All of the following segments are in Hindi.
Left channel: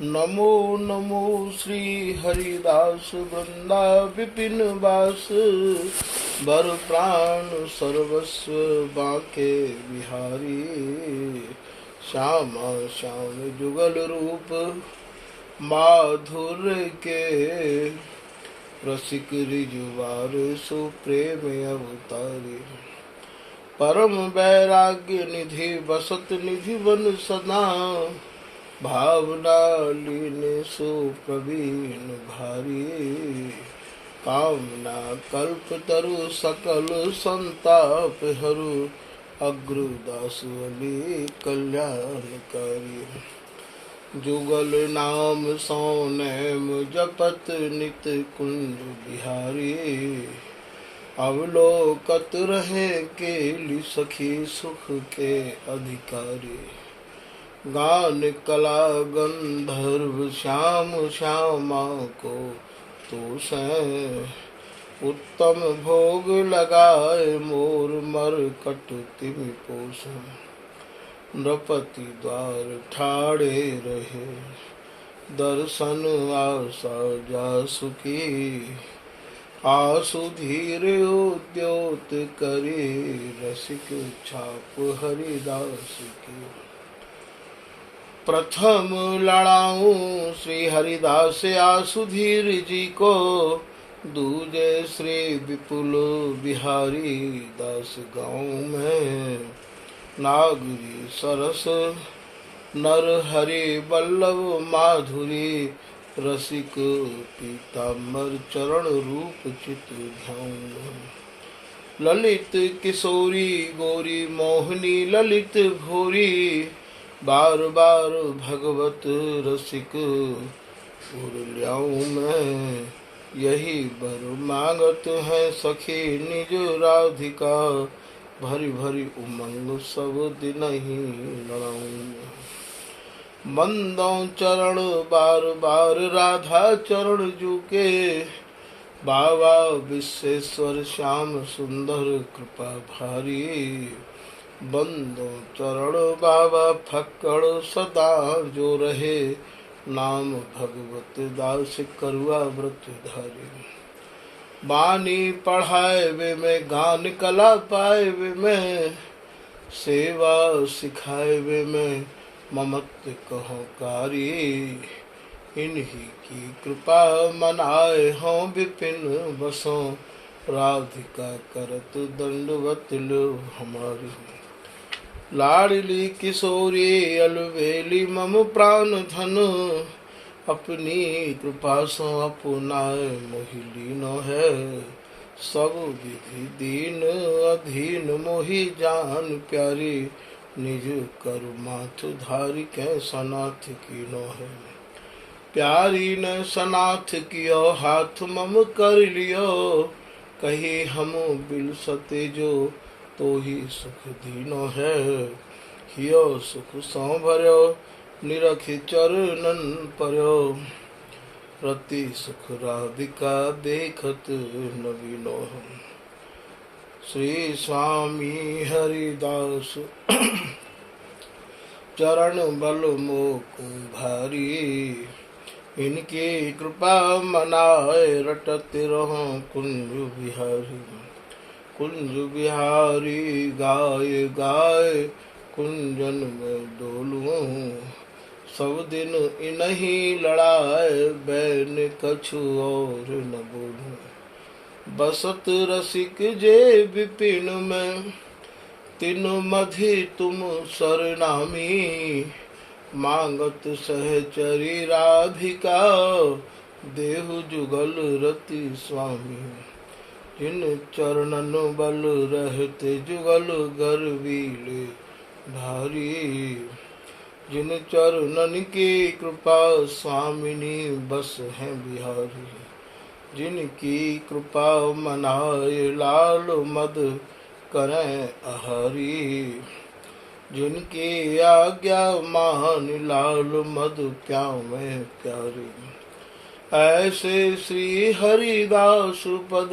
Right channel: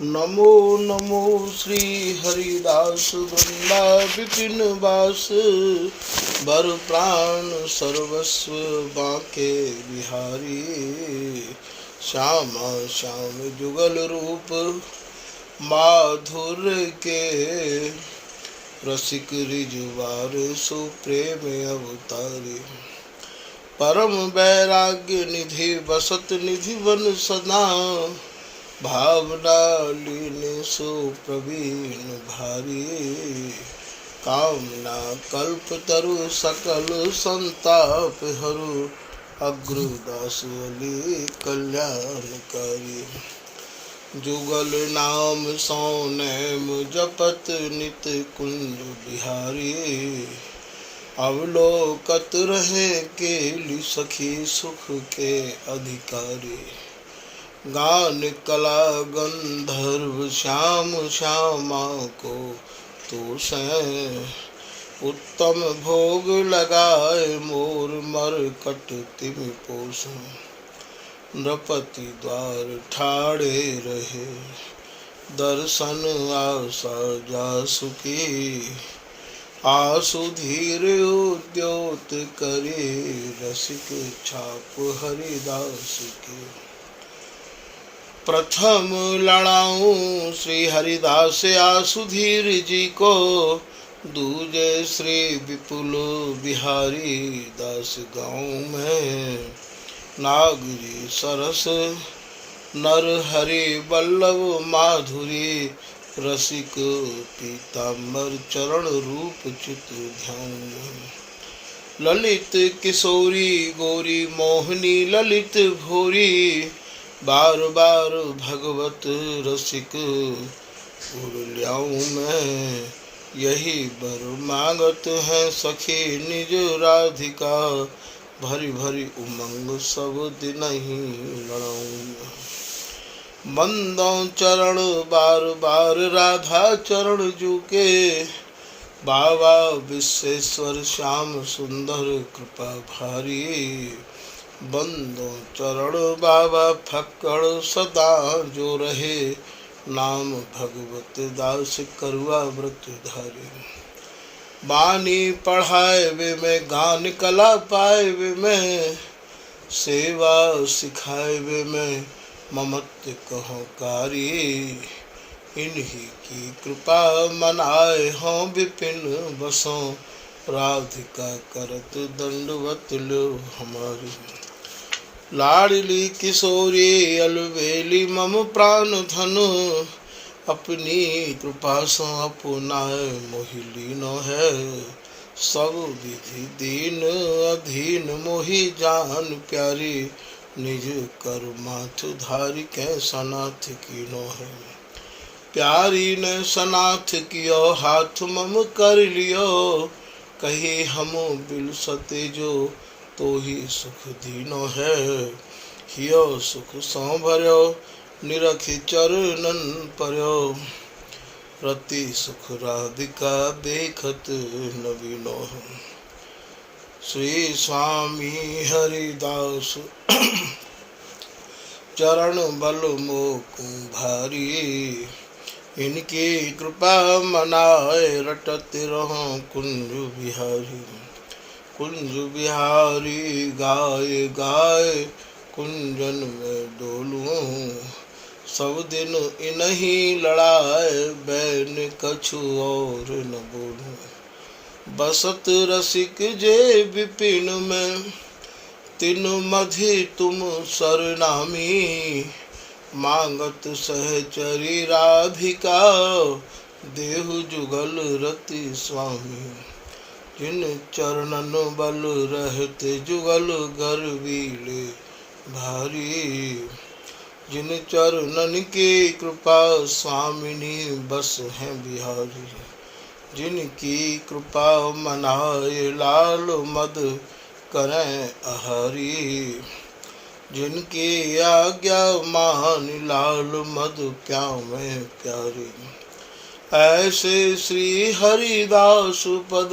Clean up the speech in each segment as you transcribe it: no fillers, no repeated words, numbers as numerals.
नमो नमो श्री हरिदास वृंदा विपिन वास बर प्राण सर्वस्व बाके बिहारी। श्यामा श्याम जुगल रूप माधुर के रसिक रिजुवार सुप्रेम अवतारी। परम वैराग्य निधि बसत निधि वन सदा भावना लीन सुप्रवीण भारी। कामना कल्प तरु सकल संताप हरु अग्रदास अली कल्याणकारी। जुगल नाम सौनैम जपत नित कुंज बिहारी। अवलोकत रहे केली सखी सुख के अधिकारी। गान कला गंधर्व श्याम श्यामा को तो सै उत्तम भोग लगाए मोर मरकट तिम पोष। नृपति द्वार ठाड़े रहे दर्शन आशा जासु की। आसु धीर उद्योत करे रसिक छाप हरिदास की। प्रथम लड़ाऊं श्री हरिदास आसुधीर जी को। दूजे श्री विपुल बिहारी दास गाँव में। नागरी सरस नर हरि बल्लभ माधुरी। रसिक पीताम्बर चरण रूप चित धाम। ललित किशोरी गोरी मोहनी ललित भोरी। बार बार भगवत रसिक उर्ल्याऊं मैं। यही बर मांगत है सखी निज राधिका। भरी भरी उमंग सब दिन ही लड़ाऊं। बंदों चरण बार बार राधा चरण जुके। बाबा विश्वेश्वर श्याम सुंदर कृपा भारी। बंदो चरण बाबा फक्कड़ सदा जो रहे। नाम भगवत दास करुआ व्रत धारे। बानी पढ़ाए वे में गान कला पाए वे में। सेवा सिखाए वे में ममत्व कहो कारी। इन्हीं की कृपा मनाए हों विपिन बसों। राधिका करत दंडवत लो हमारी। लाडली किशोरी अलवेली मम प्राण धन। अपनी कृपा से अपनाए मोहि न है। सब विधि दीन अधीन मोहि जान प्यारी। निज कर माथ धारी कै सनाथ की न है। प्यारी ने सनाथ कियो हाथ मम कर लियो। कही हम बिल सते जो तो ही सुख दीनो है। हियो सुख सौ भर्यो निरखि चरणन पर्यो। रति सुख राधिका देखत नवीनो है। श्री स्वामी हरिदास चरण बल मोकु भारी। इनकी कृपा मनाए रटत रहो कुंज बिहारी। कुंज बिहारी गाय गाय कुंजन में डोलूं। सब दिन इन्हीं लड़ाए बैन कछु और न बोलूं। बसत रसिक जे विपिन में तिन मधि तुम सरनामी। मांगत सहचरी राधिका देहु जुगल रति स्वामी। जिन चरणन बल रहते जुगल गर्वीले भारी। जिन चरणन की कृपा स्वामिनी बस है बिहारी। जिनकी कृपा मनाए लाल मद करें आहारी। जिनकी आज्ञा मान लाल मद प्यावे प्यारी। ऐसे श्री हरिदास पद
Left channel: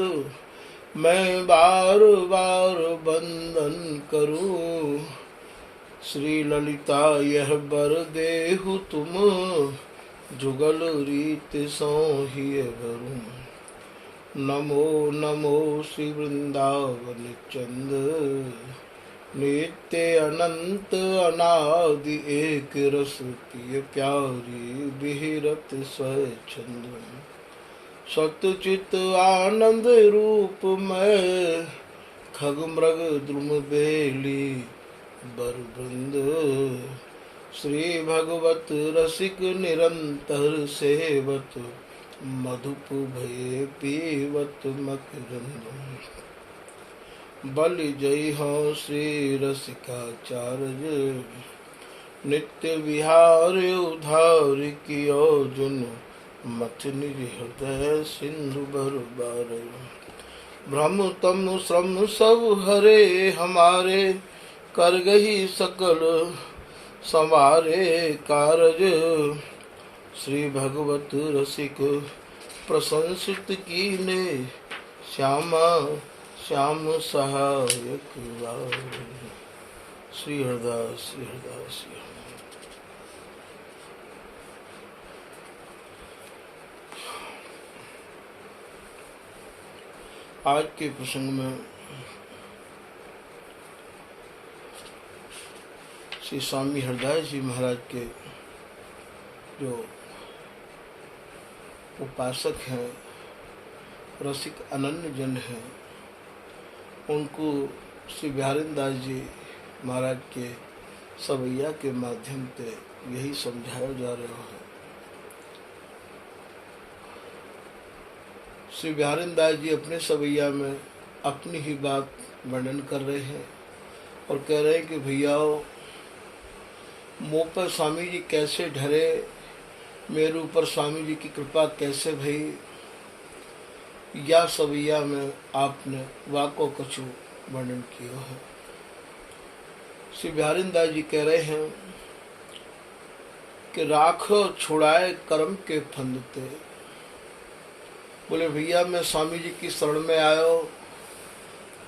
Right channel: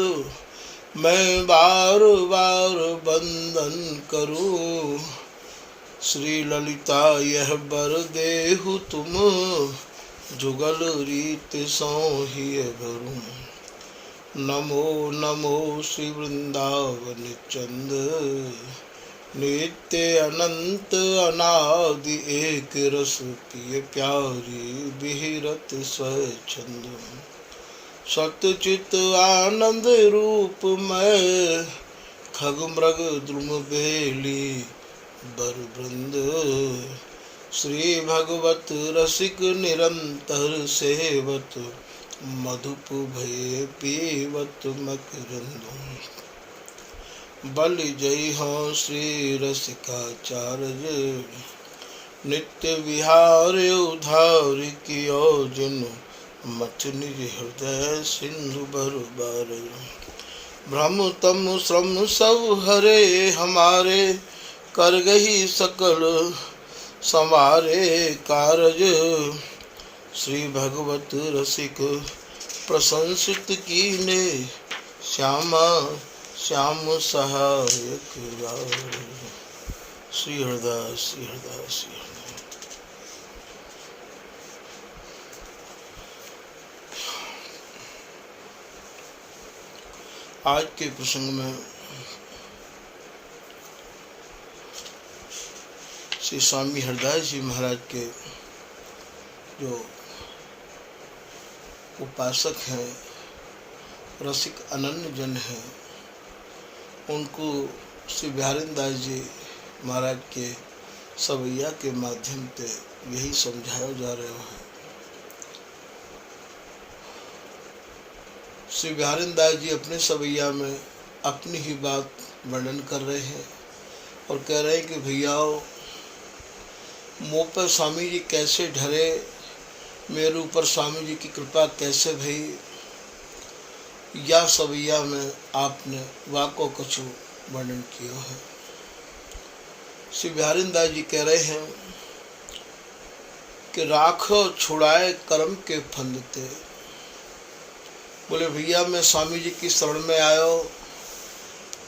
मैं बार बार वंदन करूं। श्री ललिता यह बर देहु तुम जुगल रीत सोहिय भरू। नमो नमो श्री वृंदावन चंद, नित्य अनंत अनादि एक रस पिय प्यारी बिहरत स्वच्छंद। सतचित आनंद रूप में खग मृग द्रुम बेली बर वृंद। श्री भगवत रसिक निरंतर सेवत, मधुप भय पीवत मकरंद। बलि जय हो श्री रसिकाचार्य, नित्य विहार उधार कियो जिन। मथ निज हृदय सिंधु बर बार। भ्रम तम श्रम सब हरे हमारे, कर गही सकल समारे कारज। श्री भगवत रसिक प्रशंसित कीने, श्यामा श्याम सहायक राज। श्री हरदास श्री हरदास श्री हरदास। आज के प्रसंग में श्री स्वामी हरदास जी महाराज के जो उपासक हैं, रसिक अनन्य जन हैं, उनको श्री बिहारीदास जी महाराज के सवैया के माध्यम से यही समझाया जा रहा है। श्री बिहारीदास जी अपने सवैया में अपनी ही बात वर्णन कर रहे हैं और कह रहे हैं कि भैयाओ, मुँह पर स्वामी जी कैसे ढरे, मेरे ऊपर स्वामी जी की कृपा कैसे भई, या सवैया में आपने वाको कछु वर्णन किया है। श्री बिहारीदास जी कह रहे हैं कि राखो छुड़ाए कर्म के फंदते। बोले भैया मैं स्वामी जी की शरण में आयो,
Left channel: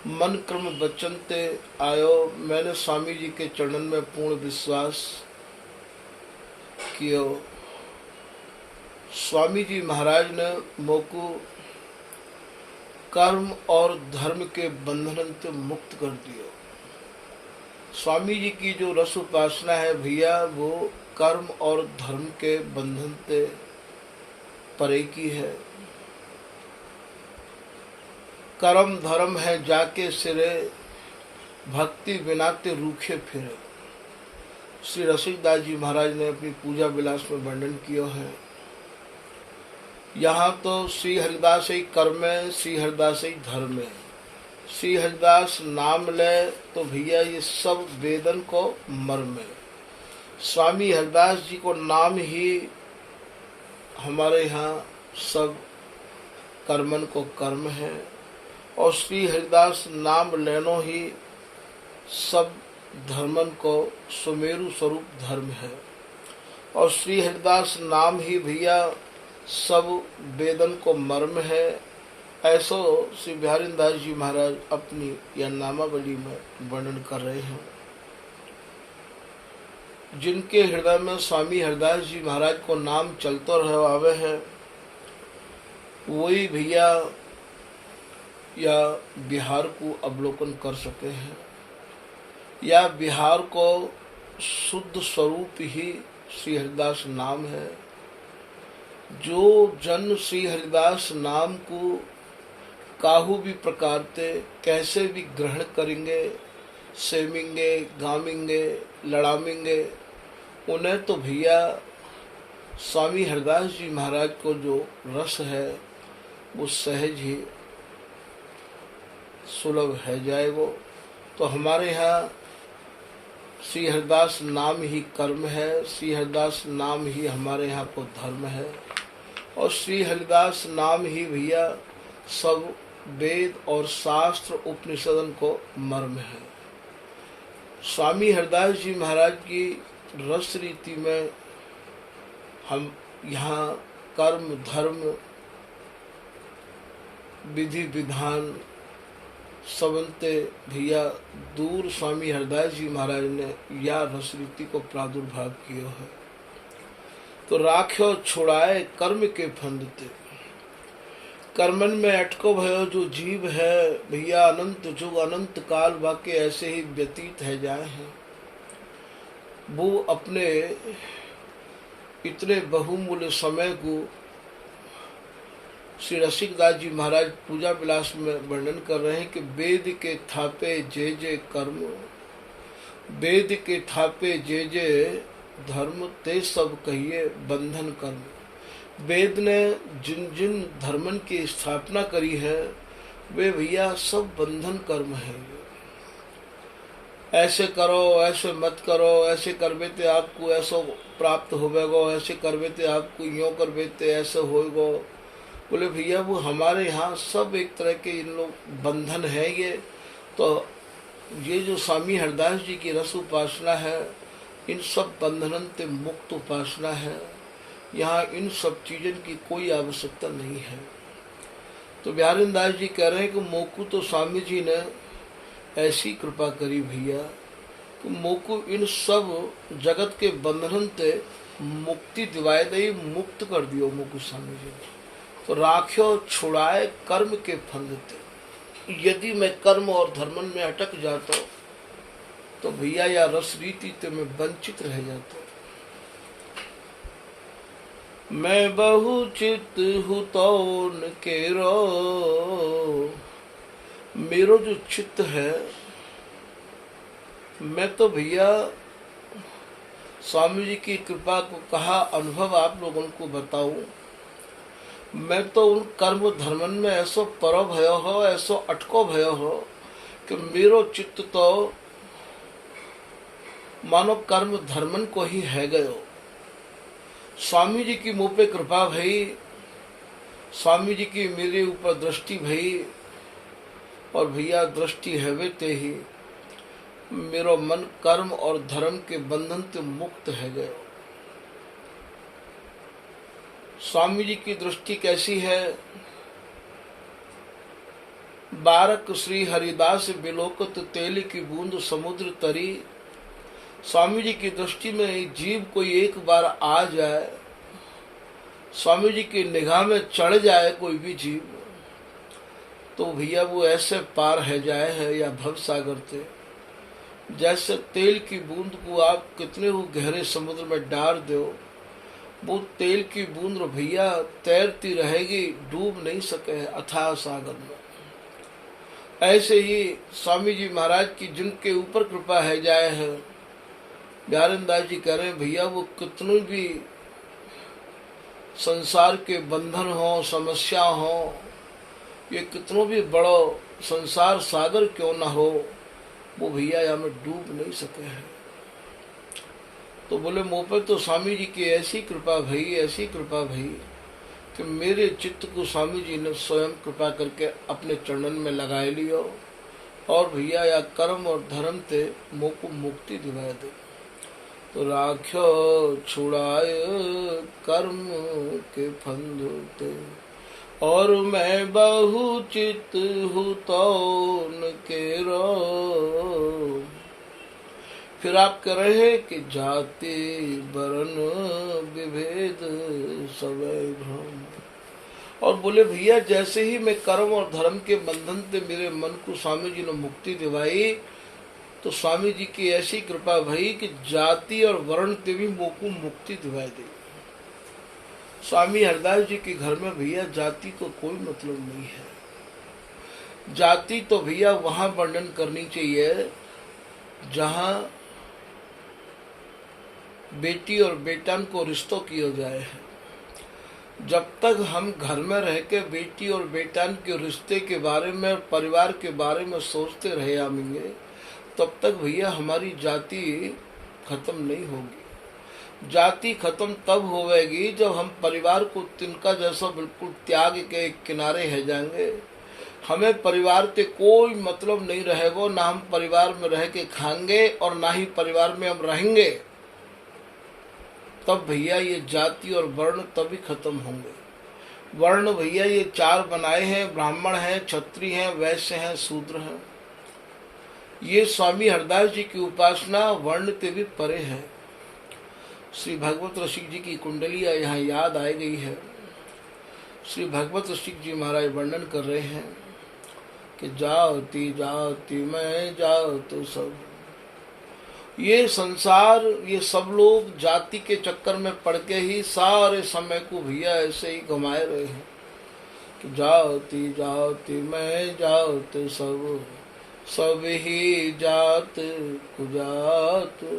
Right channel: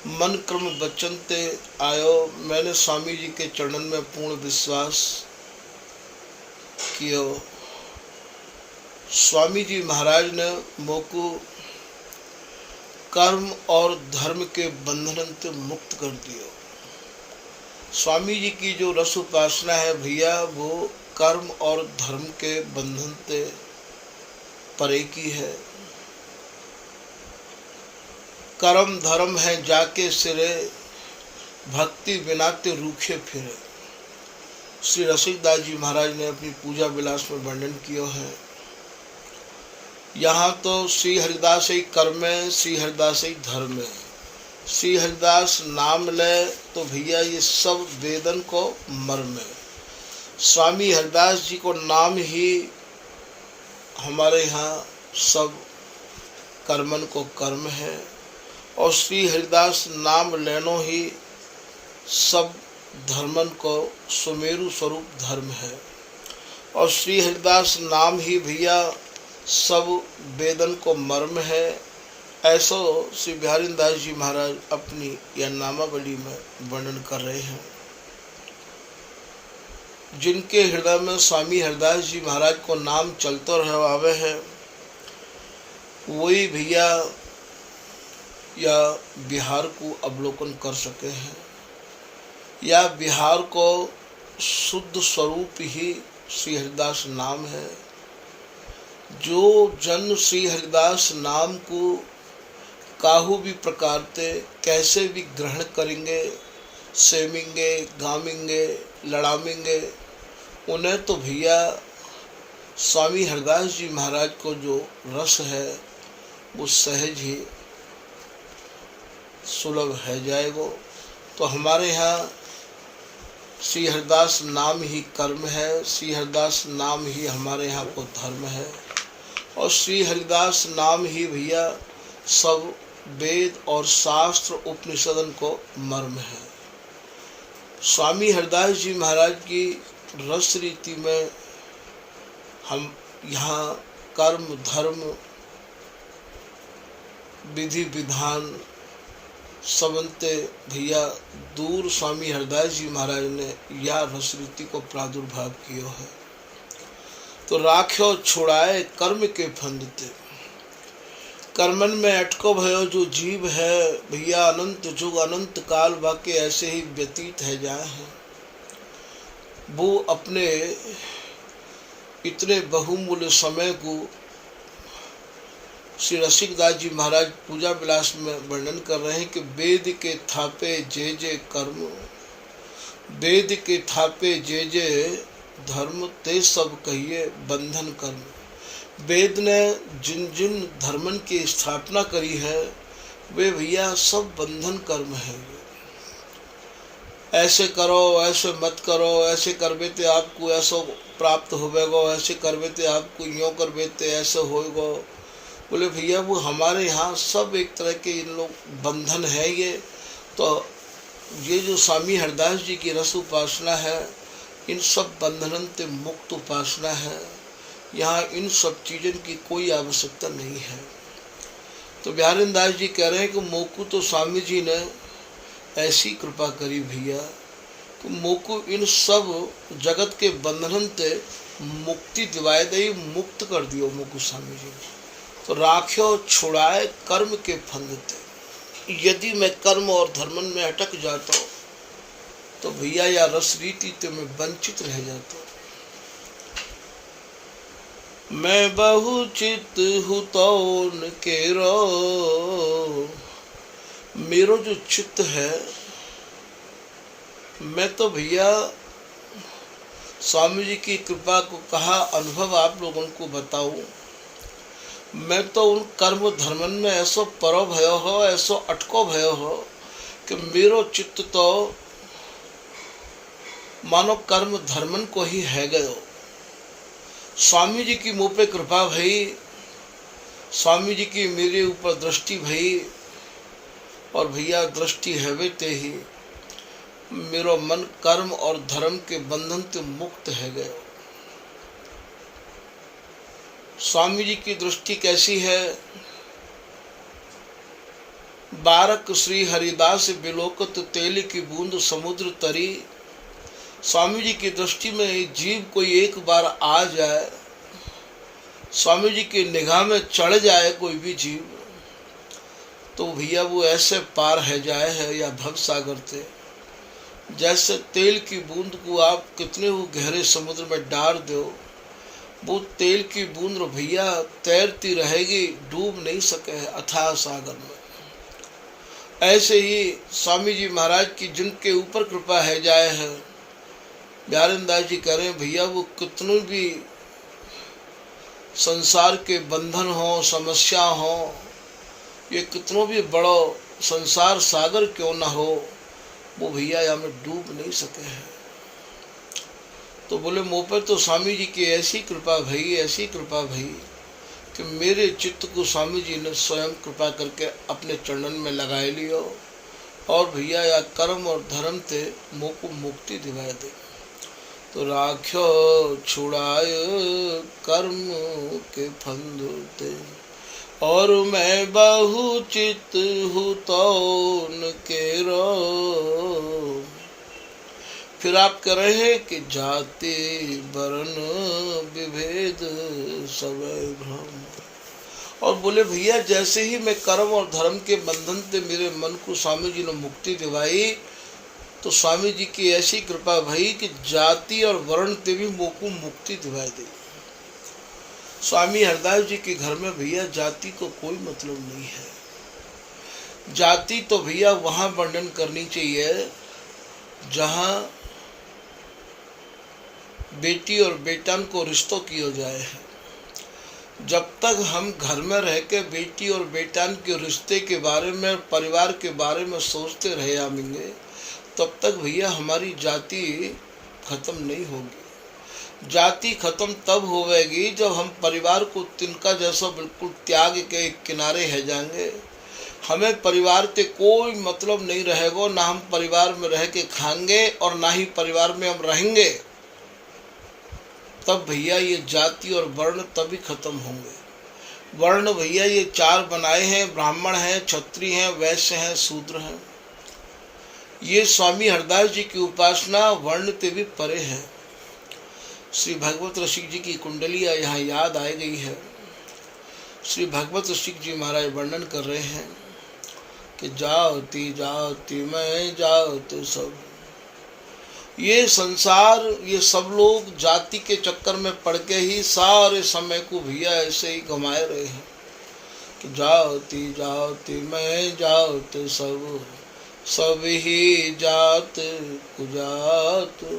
मन क्रम वचन ते आयो। मैंने स्वामी जी के चरणन में पूर्ण विश्वास कियो। स्वामी जी महाराज ने मोको कर्म और धर्म के बंधन से मुक्त कर दियो। स्वामी जी की जो रस उपासना है भैया, वो कर्म और धर्म के बंधन से परे की है। कर्म धर्म है जाके सिरे, भक्ति बिना ते रूखे फिरे। श्री रसिकदास जी महाराज ने अपनी पूजा विलास में वर्णन किया है। यहाँ तो श्री हरिदास ही कर्म है, श्री हरिदास ही धर्म है। श्री हरिदास नाम ले तो भैया ये सब वेदन को मर्म है। स्वामी हरिदास जी को नाम ही हमारे यहाँ सब कर्मन को कर्म है, और श्री हरिदास नाम लेनो ही सब धर्मन को सुमेरु स्वरूप धर्म है। और श्री हरिदास नाम ही भैया सब वेदन को मर्म है। ऐसा श्री बिहारीदास जी महाराज अपनी यह नामावली में वर्णन कर रहे हैं। जिनके हृदय में स्वामी हरिदास जी महाराज को नाम चलते रहे है, वही भैया या बिहार को अवलोकन कर सके हैं, या बिहार को शुद्ध स्वरूप ही श्री हरिदास नाम है। जो जन श्री हरिदास नाम को काहू भी प्रकार से कैसे भी ग्रहण करेंगे, सेमेंगे, गामेंगे, लड़ामेंगे, उन्हें तो भैया स्वामी हरिदास जी महाराज को जो रस है वो सहज ही सुलभ है जाएगा। तो हमारे यहाँ श्री हरिदास नाम ही कर्म है, श्री हरिदास नाम ही हमारे यहाँ को धर्म है, और श्री हरिदास नाम ही भैया सब वेद और शास्त्र उपनिषदन को मर्म है। स्वामी हरिदास जी महाराज की रस रीति में हम यहाँ कर्म धर्म विधि विधान सबंते भैया दूर स्वामी हरिदास जी महाराज ने या रस रीति को प्रादुर्भाव किया है। तो राख्यो छुड़ाए कर्म के फंदते। कर्मन में अटको भयो जो जीव है भैया, अनंत जुग अनंत काल वाके ऐसे ही व्यतीत है जाए हैं। वो अपने इतने बहुमूल्य समय को श्री रसिकदास जी महाराज पूजा विलास में वर्णन कर रहे हैं कि वेद के थापे जे जे कर्म, वेद के थापे जे जे धर्म, ते सब कहिए बंधन कर्म। वेद ने जिन जिन धर्मन की स्थापना करी है वे भैया सब बंधन कर्म है। ऐसे करो, ऐसे मत करो, ऐसे करबे ते आपको ऐसा प्राप्त होवेगो, ऐसे करबे ते आपको यूँ करबे ते ऐसे होएगो। बोले भैया वो हमारे यहाँ सब एक तरह के इन लोग बंधन है। ये जो स्वामी हरदास जी की रस उपासना है इन सब बंधन से मुक्त उपासना है। यहाँ इन सब चीज़ों की कोई आवश्यकता नहीं है। तो बिहारी दास जी कह रहे हैं कि मोकू तो स्वामी जी ने ऐसी कृपा करी भैया, तो मोकू इन सब जगत के बंधन से मुक्ति दिवाए दे, मुक्त कर दियो मोकू स्वामी जी। तो राख्यो छुड़ाए कर्म के फंदते। यदि मैं कर्म और धर्मन में अटक जाता तो भैया या रस रीति तो मैं वंचित रह जाता। मैं बहु चित हूँ तो केरो, मेरो जो चित्त है मैं तो भैया स्वामी जी की कृपा को कहा अनुभव आप लोगों को बताऊं। मैं तो उन कर्म धर्मन में ऐसो परो भयो हो, ऐसो अटको भयो हो कि मेरो चित्त तो मानो कर्म धर्मन को ही है गयो। स्वामी जी की मुँह पे कृपा भई, स्वामी जी की मेरे ऊपर दृष्टि भई, और भैया दृष्टि हैवे ते ही मेरो मन कर्म और धर्म के बंधन से मुक्त है गयो। स्वामी जी की दृष्टि कैसी है? बारक श्री हरिदास बिलोकत तेल की बूंद समुद्र तरी। स्वामी जी की दृष्टि में जीव कोई एक बार आ जाए, स्वामी जी की निगाह में चढ़ जाए कोई भी जीव, तो भैया वो ऐसे पार है जाए है या भव सागर थे। जैसे तेल की बूंद को आप कितने वो गहरे समुद्र में डाल दो, वो तेल की बूंद भैया तैरती रहेगी, डूब नहीं सके है अथाह सागर में। ऐसे ही स्वामी जी महाराज की जिनके ऊपर कृपा है जाए है, बिहारी दास जी कह रहे हैं भैया वो कितने भी संसार के बंधन हो, समस्या हो, ये कितनों भी बड़ो संसार सागर क्यों ना हो, वो भैया यहाँ में डूब नहीं सके हैं। तो बोले मुँह पर तो स्वामी जी की ऐसी कृपा भई, ऐसी कृपा भई कि मेरे चित्त को स्वामी जी ने स्वयं कृपा करके अपने चरणन में लगा लियो, और भैया या कर्म और धर्म से मुँह को मुक्ति दिवाए दे। तो राख्यो छुड़ाए कर्म के फंदते, और मैं बहु चित हूँ तो न केरो। फिर आप कह रहे हैं कि जाति वर्ण विभेद सब भ्रम, और बोले भैया जैसे ही मैं कर्म और धर्म के बंधन से मेरे मन को स्वामी जी ने मुक्ति दिवाई, तो स्वामी जी की ऐसी कृपा भई कि जाति और वर्ण से भी मोह को मुक्ति दिवाई दी। स्वामी हरदास जी के घर में भैया जाति को कोई मतलब नहीं है। जाति तो भैया वहाँ वर्णन करनी चाहिए जहाँ बेटी और बेटन को रिश्तों किया जाए है। जब तक हम घर में रह के बेटी और बेटन के रिश्ते के बारे में, परिवार के बारे में सोचते रहे आएंगे, तब तक भैया हमारी जाति खत्म नहीं होगी। जाति खत्म तब होगी जब हम परिवार को तिनका जैसा बिल्कुल त्याग के एक किनारे है जाएंगे। हमें परिवार के कोई मतलब नहीं रहेगा, ना हम परिवार में रह के खाएंगे और ना ही परिवार में हम रहेंगे। तब भैया ये जाति और वर्ण तभी खत्म होंगे। वर्ण भैया ये चार बनाए हैं, ब्राह्मण हैं, क्षत्रिय हैं, वैश्य हैं, शूद्र हैं। ये स्वामी हरदास जी की उपासना वर्ण से भी परे है। श्री भगवत रसिक जी की कुंडलियाँ यहाँ याद आ गई है। श्री भगवत रसिक जी महाराज वर्णन कर रहे हैं कि जाती जाती मैं जाओ तो सब, ये संसार, ये सब लोग जाति के चक्कर में पड़ के ही सारे समय को भैया ऐसे ही घुमाए रहे हैं। तो जाती जाती मैं जाओ तो सब, सब ही जात कुजात।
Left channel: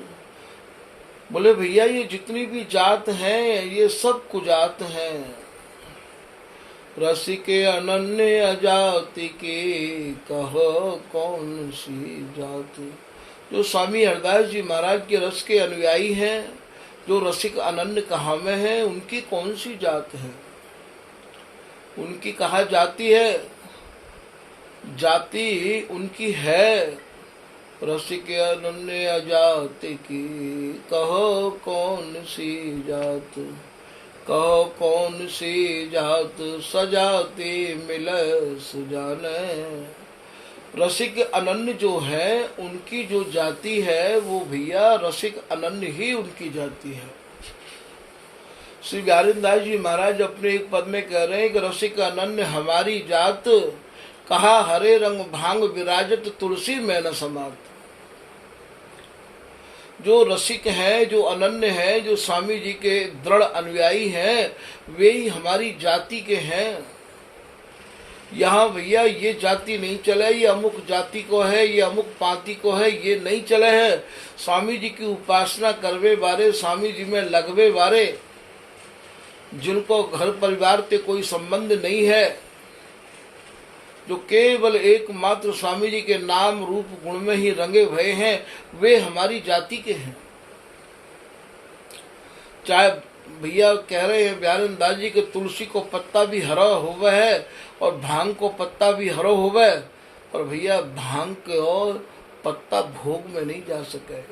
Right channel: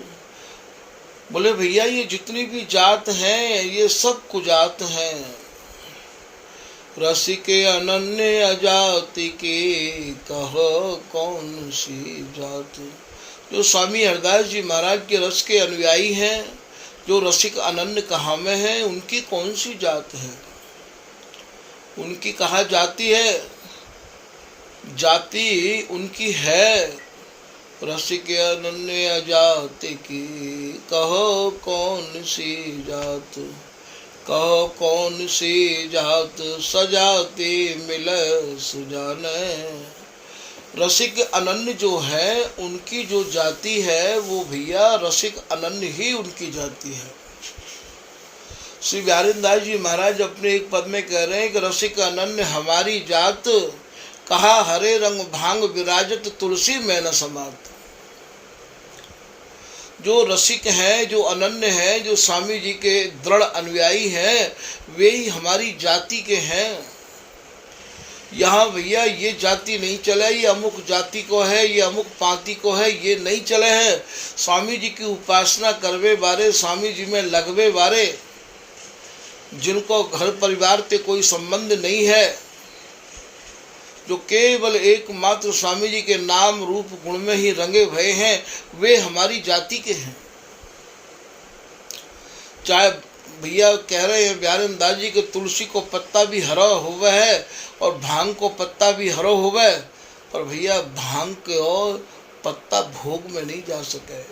बोले भैया ये जितनी भी जात हैं ये सब कुजात हैं। रसिके अनन्य अजाति की कहो कौन सी जात। जो स्वामी हरदास जी महाराज के रस के अनुयायी हैं, जो रसिक अनन्य कहाँ में हैं, उनकी कौन सी जात है, उनकी कहाँ जाति है। जाति उनकी है रसिक अनन्य अजाति की कहो कौन सी जात, कहो कौन सी जात सजाती मिले सुजाने। रसिक अनन्य जो है उनकी जो जाति है वो भैया रसिक अनन्य ही उनकी जाति है। श्री व्यारिंदास जी महाराज अपने एक पद में कह रहे हैं कि रसिक अनन्य हमारी जात, कहा हरे रंग भांग विराजत तुलसी में न समात। जो रसिक हैं, जो अनन्य हैं, जो स्वामी जी के दृढ़ अनुयायी हैं, वे ही हमारी जाति के हैं। यहाँ भैया ये जाति नहीं चले, ये अमुक जाति को है, ये अमुक पांति को है, ये नहीं चले हैं। स्वामी जी की उपासना करवे बारे, स्वामी जी में लगवे बारे, जिनको घर परिवार से कोई संबंध नहीं है, जो केवल एकमात्र स्वामी जी के नाम रूप गुण में ही रंगे भये हैं, वे हमारी जाति के हैं। चाहे भैया कह रहे हैं व्यारिंदास जी के तुलसी को पत्ता भी हरा हुआ है और भांग को पत्ता भी हरा हुआ है, पर भैया भांग के और पत्ता भोग में नहीं जा सके।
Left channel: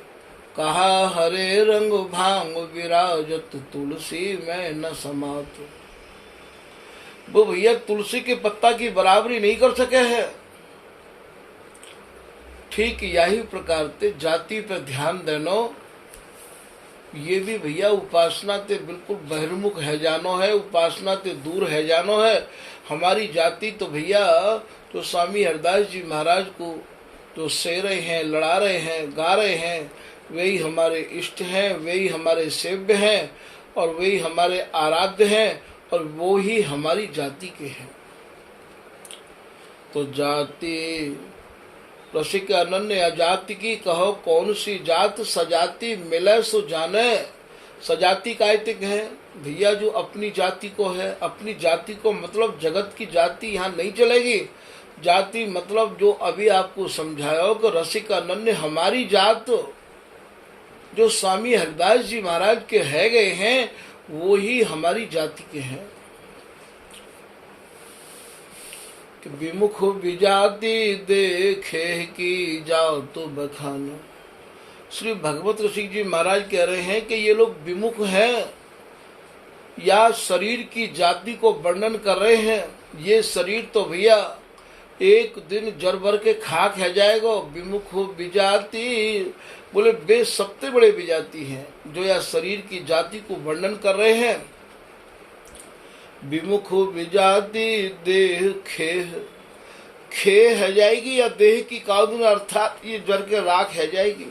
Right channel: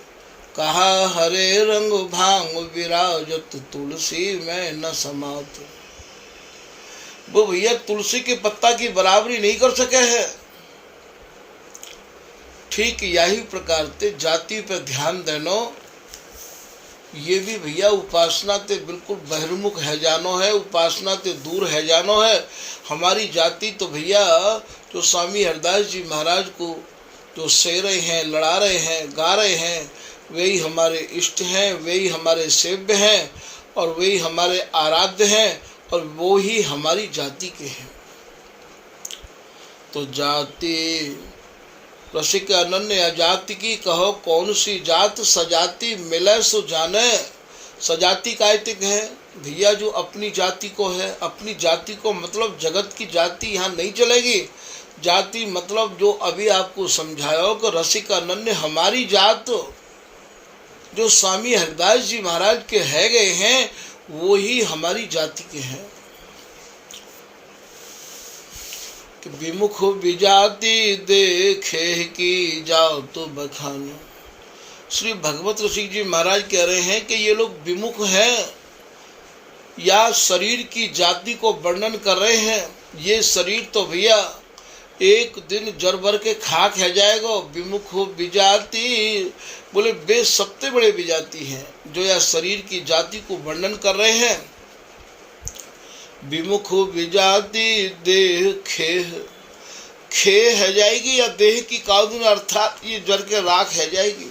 कहा हरे रंग भांग विराजत तुलसी में न समात। वो भैया तुलसी के पत्ता की बराबरी नहीं कर सके हैं। ठीक यही प्रकार से जाति पर ध्यान देनो, ये भी भैया उपासना ते बिल्कुल बहिर्मुख है जानो है, उपासना ते दूर है जानो है। हमारी जाति तो भैया जो स्वामी हरदास जी महाराज को जो से रहे हैं, लड़ा रहे हैं, गा रहे हैं, वे ही हमारे इष्ट हैं, वे ही हमारे सेव्य हैं और वे ही हमारे आराध्य हैं और वो ही हमारी जाति के हैं। तो जाति रसिक अनन्य अजाति की कहो कौन सी जात सजाति मिले सो जाने। सजाति कायतिक है भैया जो अपनी जाति को है, अपनी जाति को मतलब जगत की जाति यहाँ नहीं चलेगी। जाति मतलब जो अभी आपको समझाया हो कि रसिक अनन्य हमारी जात, जो स्वामी हरदास जी महाराज के है गए हैं वो ही हमारी जाति के हैं। कि विमुख विजाति देखे की जाओ तो बखानो। श्री भगवत रसिक जी महाराज कह रहे हैं कि ये लोग विमुख हैं या शरीर की जाति को वर्णन कर रहे हैं। ये शरीर तो भैया एक दिन जर भर के खाक है जाएगा। विमुख विजाति बोले वे सबसे बड़े विजाति हैं जो यह शरीर की जाति को वर्णन कर रहे हैं। विमुख विजाति देह खेह, खेह है जाएगी या देह की काउदुन अर्थात ये जर के राख है जाएगी।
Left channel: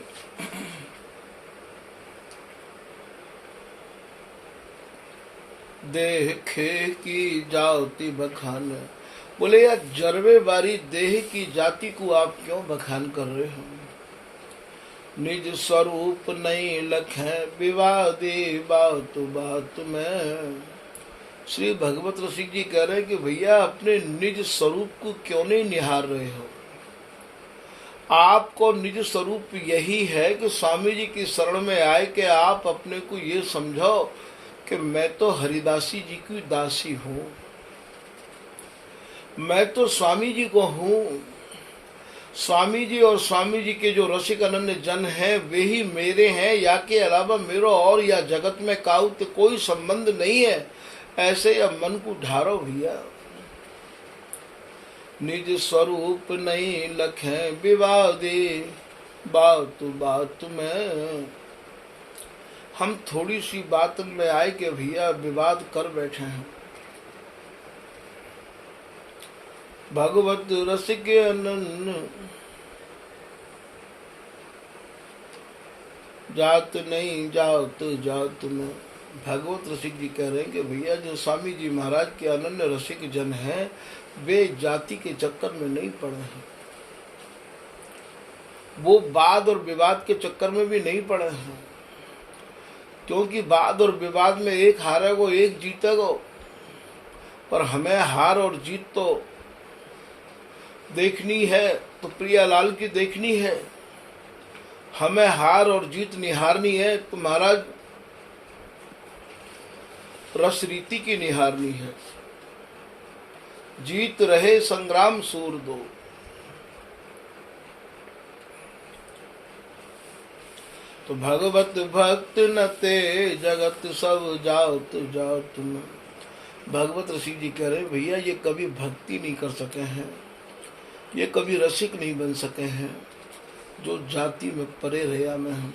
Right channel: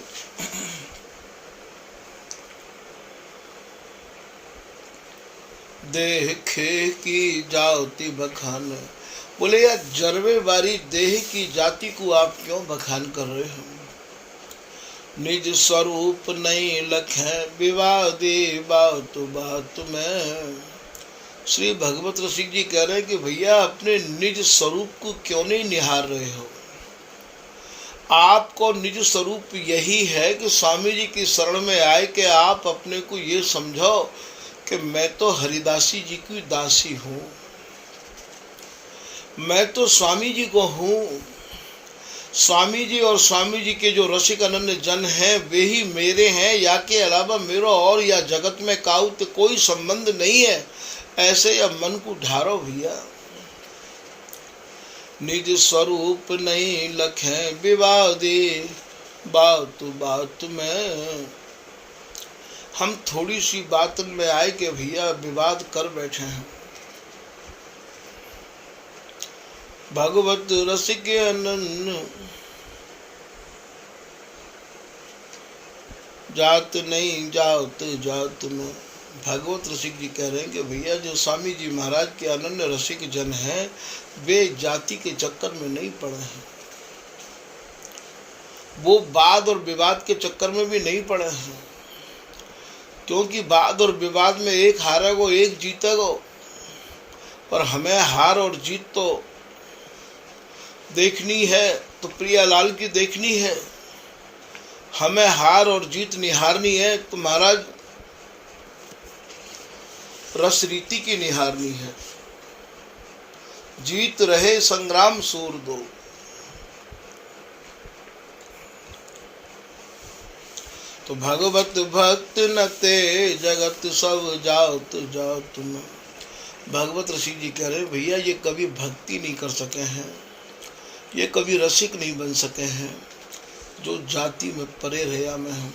देह खेह की जाति बखान। बोले यार जरवे बारी देह की जाति को आप क्यों बखान कर रहे हो। निज स्वरूप नहीं लखे विवादी बात बात में। श्री भगवत रसिक जी कह रहे हैं कि भैया अपने निज स्वरूप को क्यों नहीं निहार रहे हो। आपको निज स्वरूप यही है कि स्वामी जी की शरण में आए कि आप अपने को ये समझो कि मैं तो हरिदासी जी की दासी हूँ, मैं तो स्वामी जी को हूँ। स्वामी जी और स्वामी जी के जो रसिक अनन्य जन हैं वे ही मेरे हैं, या के अलावा मेरा और या जगत में काउत कोई संबंध नहीं है। ऐसे या मन को ढारो भैया। निज स्वरूप नहीं लखे विवादी बात बात में। हम थोड़ी सी बात में आए कि भैया विवाद कर बैठे हैं। भगवत रसिक अनन्य जात नहीं जात जात में। भगवत रसिक जी कह रहे हैं कि भैया जो स्वामी जी महाराज के अनन्य रसिक जन हैं वे जाति के चक्कर में नहीं पड़े हैं, वो वाद और विवाद के चक्कर में भी नहीं पड़े हैं, क्योंकि वाद और विवाद में एक हारेगा एक जीतेगा, पर हमें हार और जीत तो देखनी है, तो प्रियालाल की देखनी है। हमें हार और जीत निहारनी है तो महाराज रस रीति की निहारनी है। जीत रहे संग्राम सूर दो। तो भगवत भक्त न ते जगत सब जात जात में। भगवत ऋषि जी कह रहे भैया ये कभी भक्ति नहीं कर सके हैं, ये कभी रसिक नहीं बन सके हैं जो जाति में परे रहा में हैं।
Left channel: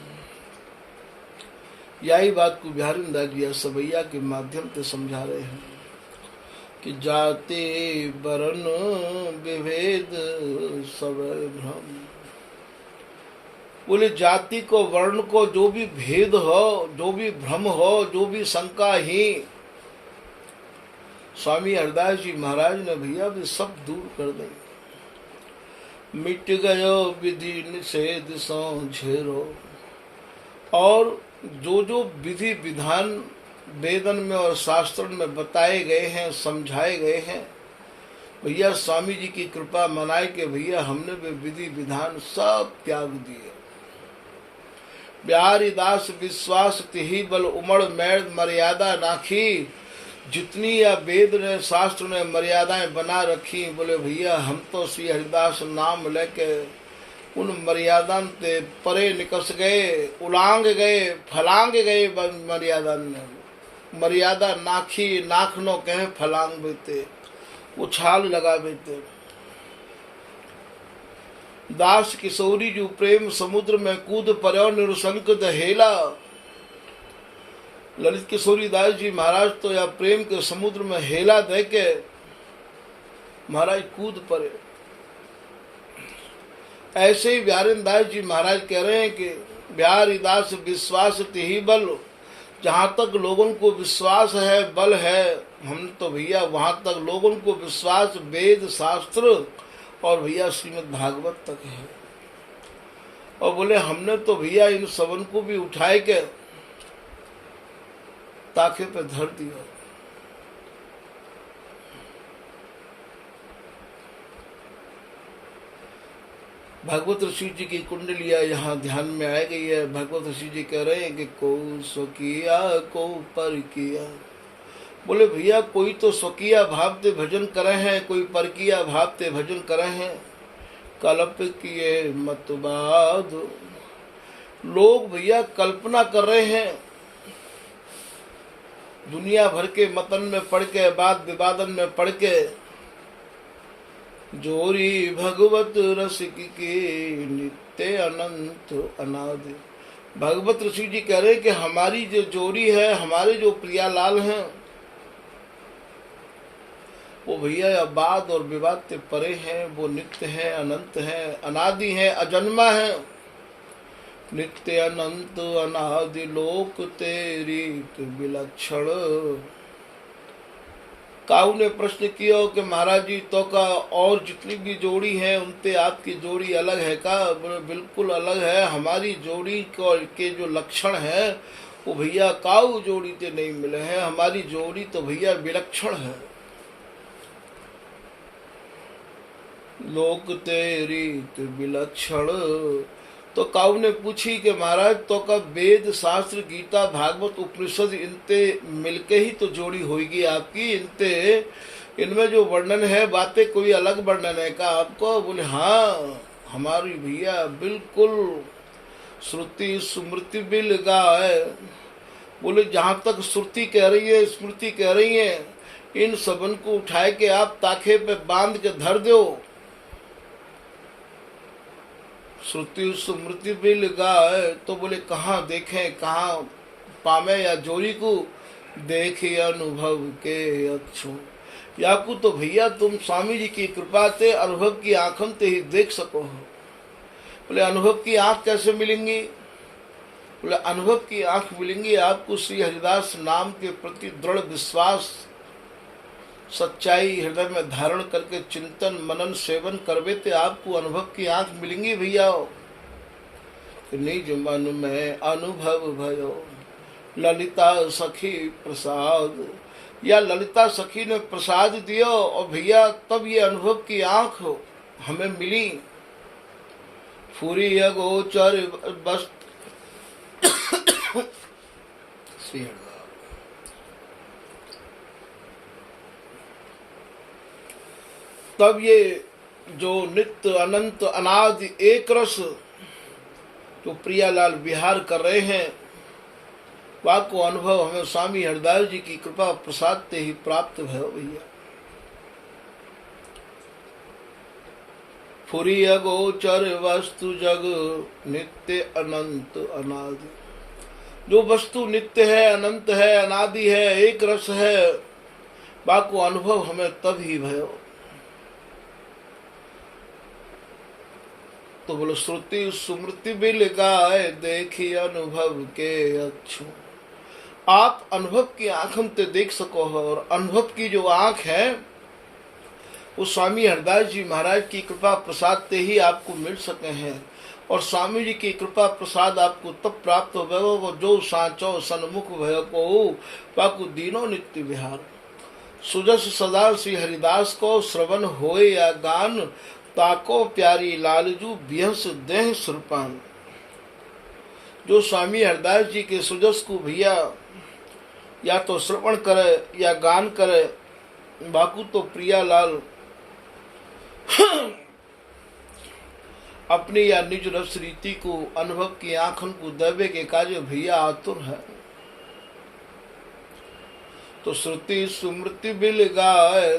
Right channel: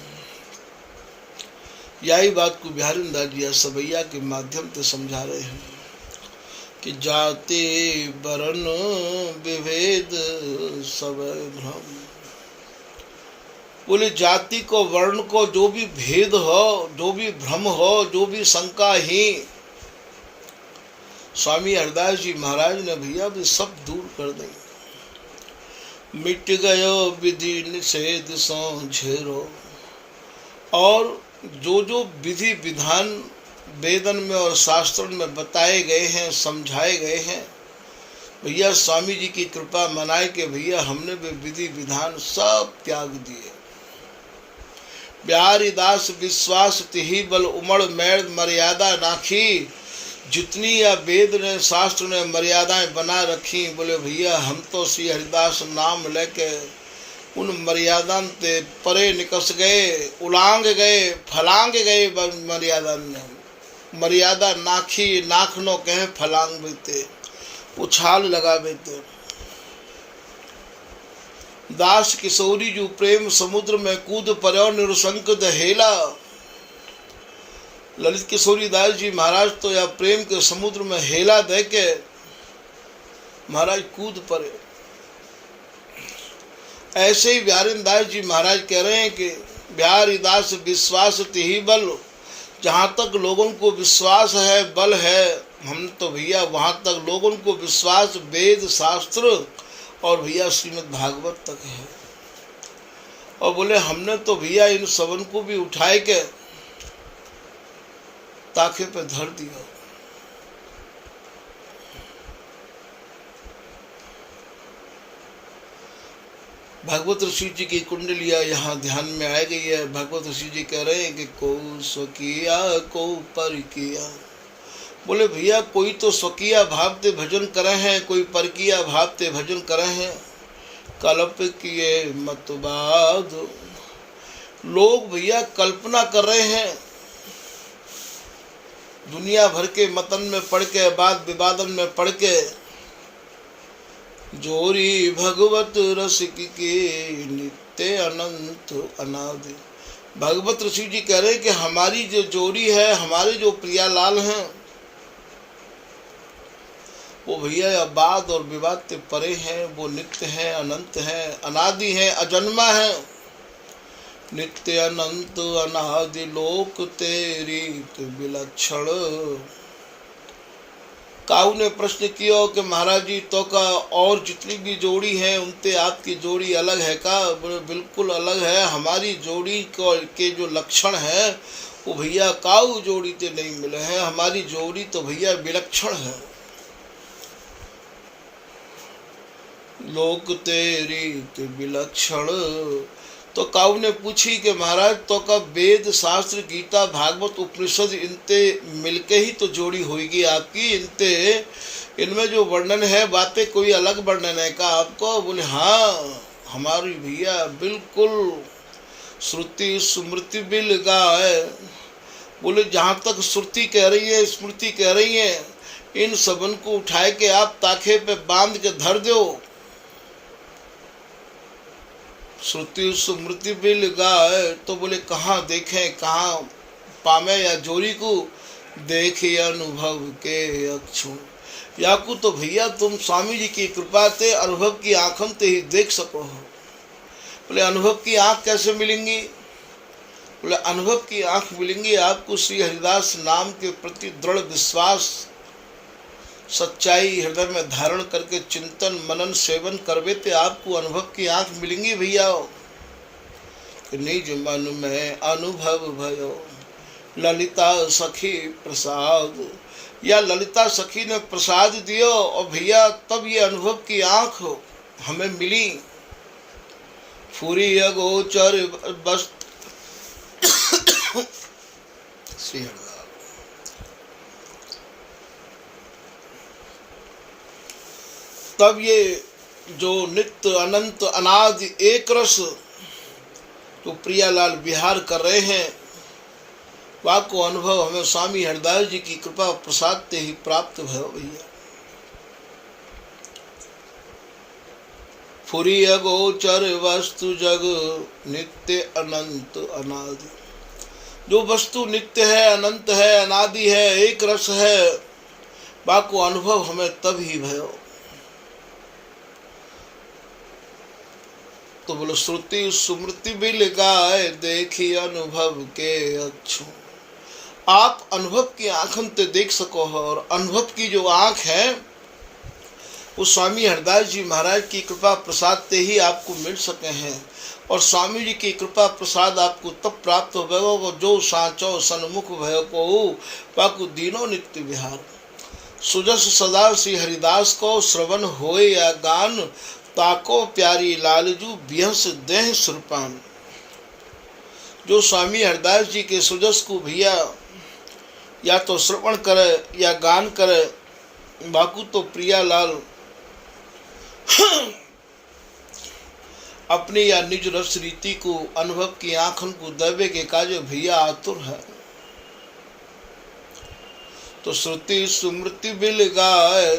यही बात को बिहारी दादिया सवैया के माध्यम से समझा रहे हैं कि जाते वर्ण विभेद सब भ्रम। बोले जाति को वर्ण को जो भी भेद हो, जो भी भ्रम हो, जो भी शंका ही, स्वामी हरदास जी महाराज ने भैया भी सब दूर कर दें। मिट गयो विधि निषेध सो झेरो। और जो जो विधि विधान वेदन में और शास्त्र में बताए गए हैं, समझाए गए हैं, भैया स्वामी जी की कृपा मनाए कि भैया हमने भी विधि विधान सब त्याग दिए। बिहारी दास विश्वास तिही बल उमड़ मैड़ मर्यादा नाखी। जितनी या वेद ने शास्त्र ने मर्यादाएं बना रखी, बोले भैया हम तो श्री हरिदास नाम लेके उन मर्यादा ते परे निकस गए, उलांग गए, फलांग गए। मर्यादा ने मर्यादा नाखी नाखनो कहे फलांग बेते, उछाल लगा बेते। दास किशोरी जो प्रेम समुद्र में कूद पर्यो निरुशंक दहेला। ललित किशोरी दास जी महाराज तो या प्रेम के समुद्र में हेला दे के महाराज कूद पड़े। ऐसे ही बिहारी दास जी महाराज कह रहे हैं कि बिहारी दास विश्वास तिही बल। जहाँ तक लोगों को विश्वास है, बल है, हम तो भैया वहाँ तक लोगों को विश्वास वेद शास्त्र और भैया श्रीमद् भागवत तक है। और बोले हमने तो भैया इन सबन को भी उठाए के ताखे पे धर दिया। भगवत ऋषि जी की कुंडलिया यहाँ ध्यान में आ गई है। भगवत ऋषि जी कह रहे हैं कि को स्वकीया को पर किया। बोले भैया कोई तो स्वकीय भाव ते भजन करे हैं, कोई परकीय भाव ते भजन करे हैं। कल्प किए मतवाद। लोग भैया कल्पना कर रहे हैं, दुनिया भर के मतन में पढ़ के, वाद विवादन में पढ़ के, जोरी भगवत रसिक के नित्य अनंत अनादि। भगवत ऋषि जी कह रहे हैं कि हमारी जो जोड़ी है, हमारे जो प्रियालाल हैं, वो भैया वाद और विवाद के परे हैं, वो नित्य हैं, अनंत हैं, अनादि हैं, अजन्मा हैं। नित्य अनंत अनादि लोक तेरी विलक्षण। काऊ ने प्रश्न किया कि महाराज जी तो का और जितनी भी जोड़ी है उनसे आपकी जोड़ी अलग है का? बोले बिल्कुल अलग है। हमारी जोड़ी के जो लक्षण है वो भैया काऊ जोड़ी से नहीं मिले हैं। हमारी जोड़ी तो भैया विलक्षण है। लोक तेरी विलक्षण। तो काऊ ने पूछी कि महाराज तो का वेद शास्त्र गीता भागवत उपनिषद इनते मिलके ही तो जोड़ी होगी आपकी। इनमें जो वर्णन है बातें कोई अलग वर्णन है का आपको? बोले हाँ, हमारी भैया बिल्कुल श्रुति स्मृति बिल गाय। बोले जहाँ तक श्रुति कह रही है, स्मृति कह रही है, इन सबन को उठाए के आप ताखे पे बांध के धर दो। श्रुति स्मृति बिल गाय। तो बोले कहाँ देखें, कहाँ पामे या जोरी को देखे अनुभव के अक्षु। याकू तो भैया तुम स्वामी जी की कृपा से अनुभव की आंखों ते ही देख सको हो। बोले अनुभव की आंख कैसे मिलेंगी? बोले अनुभव की आंख मिलेंगी आपको श्री हरिदास नाम के प्रति दृढ़ विश्वास सच्चाई हृदय में धारण करके चिंतन मनन सेवन करवे ते आपको अनुभव की आंख मिलेंगी भैया। निज मन में अनुभव भयो ललिता सखी प्रसाद, या ललिता सखी ने प्रसाद दियो और भैया तब ये अनुभव की आंख हमें मिली। फूरी अगोचर बस श्री हरिदास। तब ये जो नित्य अनंत अनादि एक रस जो प्रियालाल विहार कर रहे हैं वह को अनुभव हमें स्वामी हरिदास जी की कृपा प्रसाद से ही प्राप्त भयो भैया। फुरी अगोचर वस्तु जग नित्य अनंत अनादि, जो वस्तु नित्य है अनंत है अनादि है एक रस है वह को अनुभव हमें तब ही भयो। तो बोलो श्रुति सुमृति बिल गाए देखी अनुभव के अक्षु। आप अनुभव की आंखों से देख सको हो और अनुभव की जो आंख है वो स्वामी हरिदास जी महाराज की कृपा प्रसाद से ही आपको मिल सके हैं। और स्वामी जी की कृपा प्रसाद आपको तब प्राप्त हो गए जो सांचो सन्मुख भय को वाकु दीनो नित्य विहार। सुजस सदा श्री हरिदास को श्रवण होए या गान ताको प्यारी लालजू बिहस देह सुरपान। जो स्वामी हरिदास जी के सुजस को भैया या तो श्रवण करे या गान करे बाकू तो प्रिया लाल अपने या निज रस रीति को अनुभव की आंखों को देवे के काज भैया आतुर है। तो श्रुति सुमृति बिल गाए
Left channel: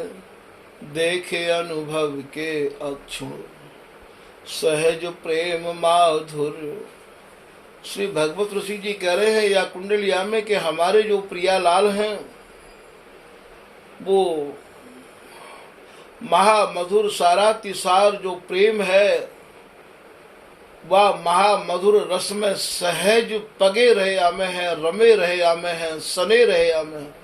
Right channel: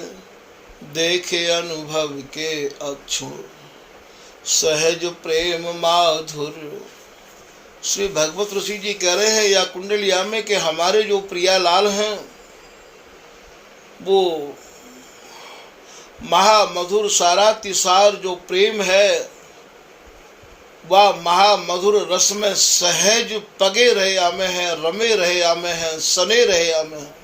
देखे अनुभव के अक्षु सहज प्रेम माधुर। श्री भगवत ऋषि जी कह रहे हैं या कुंडलिया में कि हमारे जो प्रियालाल हैं वो महामधुर सारातिसार जो प्रेम है वह महामधुर रस में सहज पगे रहे आमे हैं रमे रहे आमे हैं सने रहे आमे हैं।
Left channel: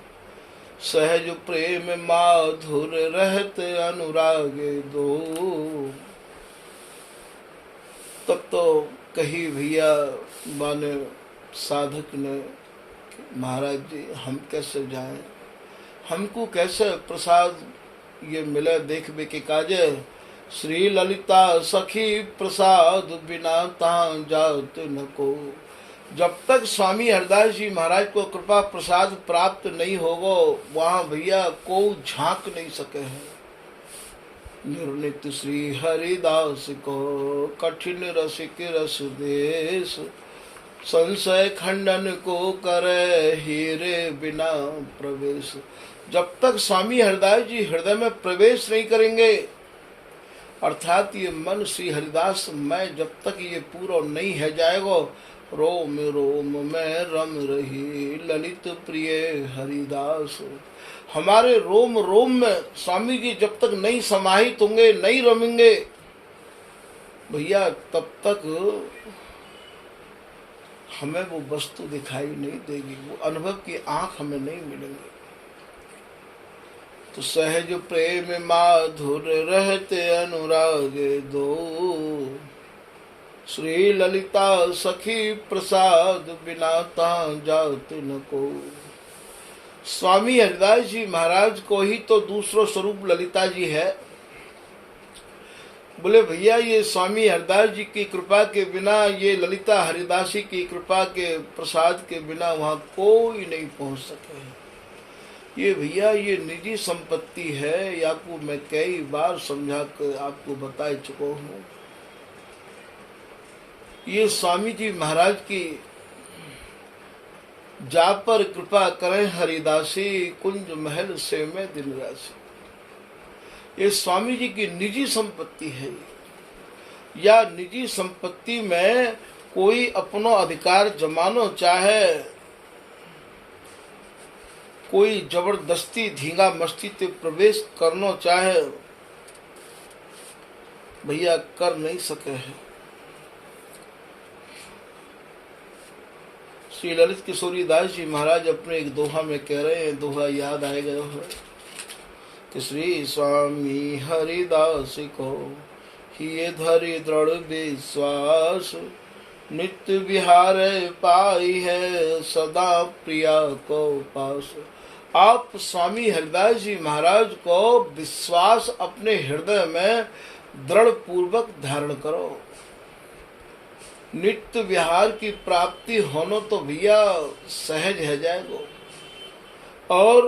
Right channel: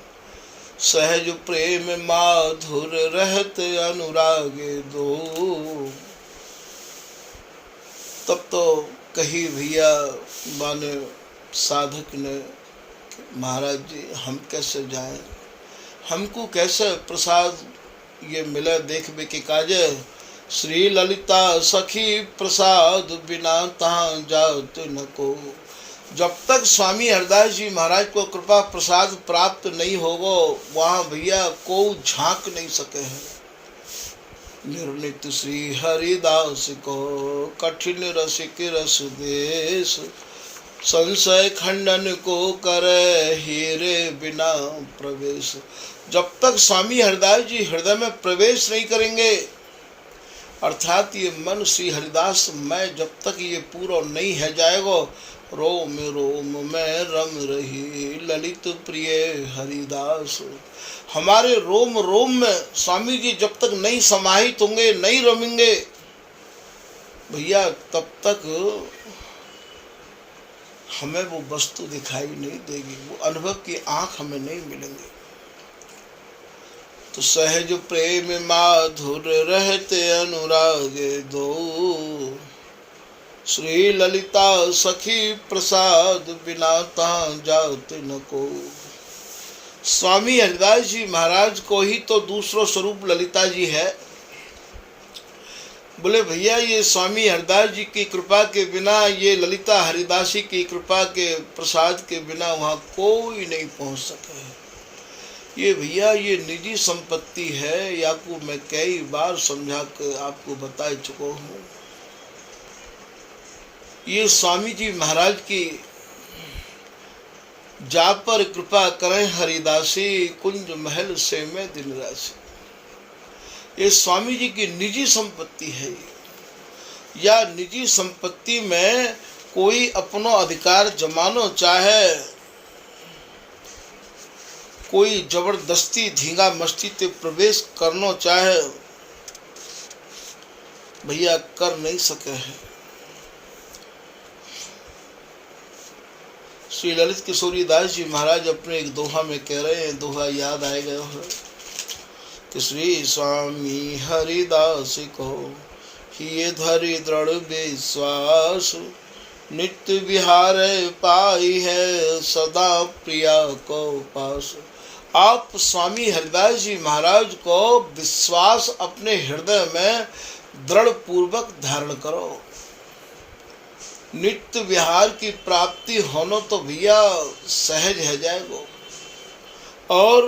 सहज प्रेम माधुर रहत अनुरागे दो। तब तो कही भैया माने साधक ने महाराज जी हम कैसे जाएं, हमको कैसे प्रसाद ये मिले देखबे के काजे। श्री ललिता सखी प्रसाद बिना तहाँ जात न को। जब तक स्वामी हरिदास जी महाराज को कृपा प्रसाद प्राप्त नहीं होगा वहाँ भैया को झांक नहीं सके हैं। निर्णित श्री हरिदास को कठिन रसिक रस देश संशय खंडन को करे हीरे बिना प्रवेश। जब तक स्वामी हरिदास जी हृदय में प्रवेश नहीं करेंगे अर्थात ये मन श्री हरिदास में जब तक ये पूरा नहीं है जाएगा रोम रोम में रम रही ललित प्रिय हरिदास। हमारे रोम रोम में स्वामी जी जब तक नहीं समाहित होंगे नहीं रमेंगे भैया तब तक हमें वो वस्तु दिखाई नहीं देगी, वो अनुभव की आंख हमें नहीं मिलेंगे। तो सहज प्रेम माधुर रहते अनुरागे दो श्री ललिता सखी प्रसाद बिना तां जात न को। स्वामी हरिदास जी महाराज को ही तो दूसरो स्वरूप ललिता जी है। बोले भैया ये स्वामी हरिदास जी की कृपा के बिना ये ललिता हरिदासी की कृपा के प्रसाद के बिना वहाँ कोई नहीं पहुँच सके। ये भैया ये निजी संपत्ति है, या को मैं कई बार समझा कर आपको बता चुका हूँ। ये स्वामी जी महाराज की जा पर कृपा करें हरिदासी कुंज महल से मैं दिन राशि। ये स्वामी जी की निजी संपत्ति है। या निजी संपत्ति में कोई अपनो अधिकार जमानो चाहे कोई जबरदस्ती धींगा मस्ती ते प्रवेश करना चाहे भैया कर नहीं सके हैं। श्री ललित किशोरी दास जी महाराज अपने एक दोहा में कह रहे हैं, दोहा याद आए गए हो कि श्री स्वामी हरिदास को ये धरि दृढ़ विश्वास, नित्य विहार पाई है सदा प्रिया को पास। आप स्वामी हरिदास जी महाराज को विश्वास अपने हृदय में दृढ़ पूर्वक धारण करो। नित्य विहार की प्राप्ति होना तो भैया सहज है जाएगो। और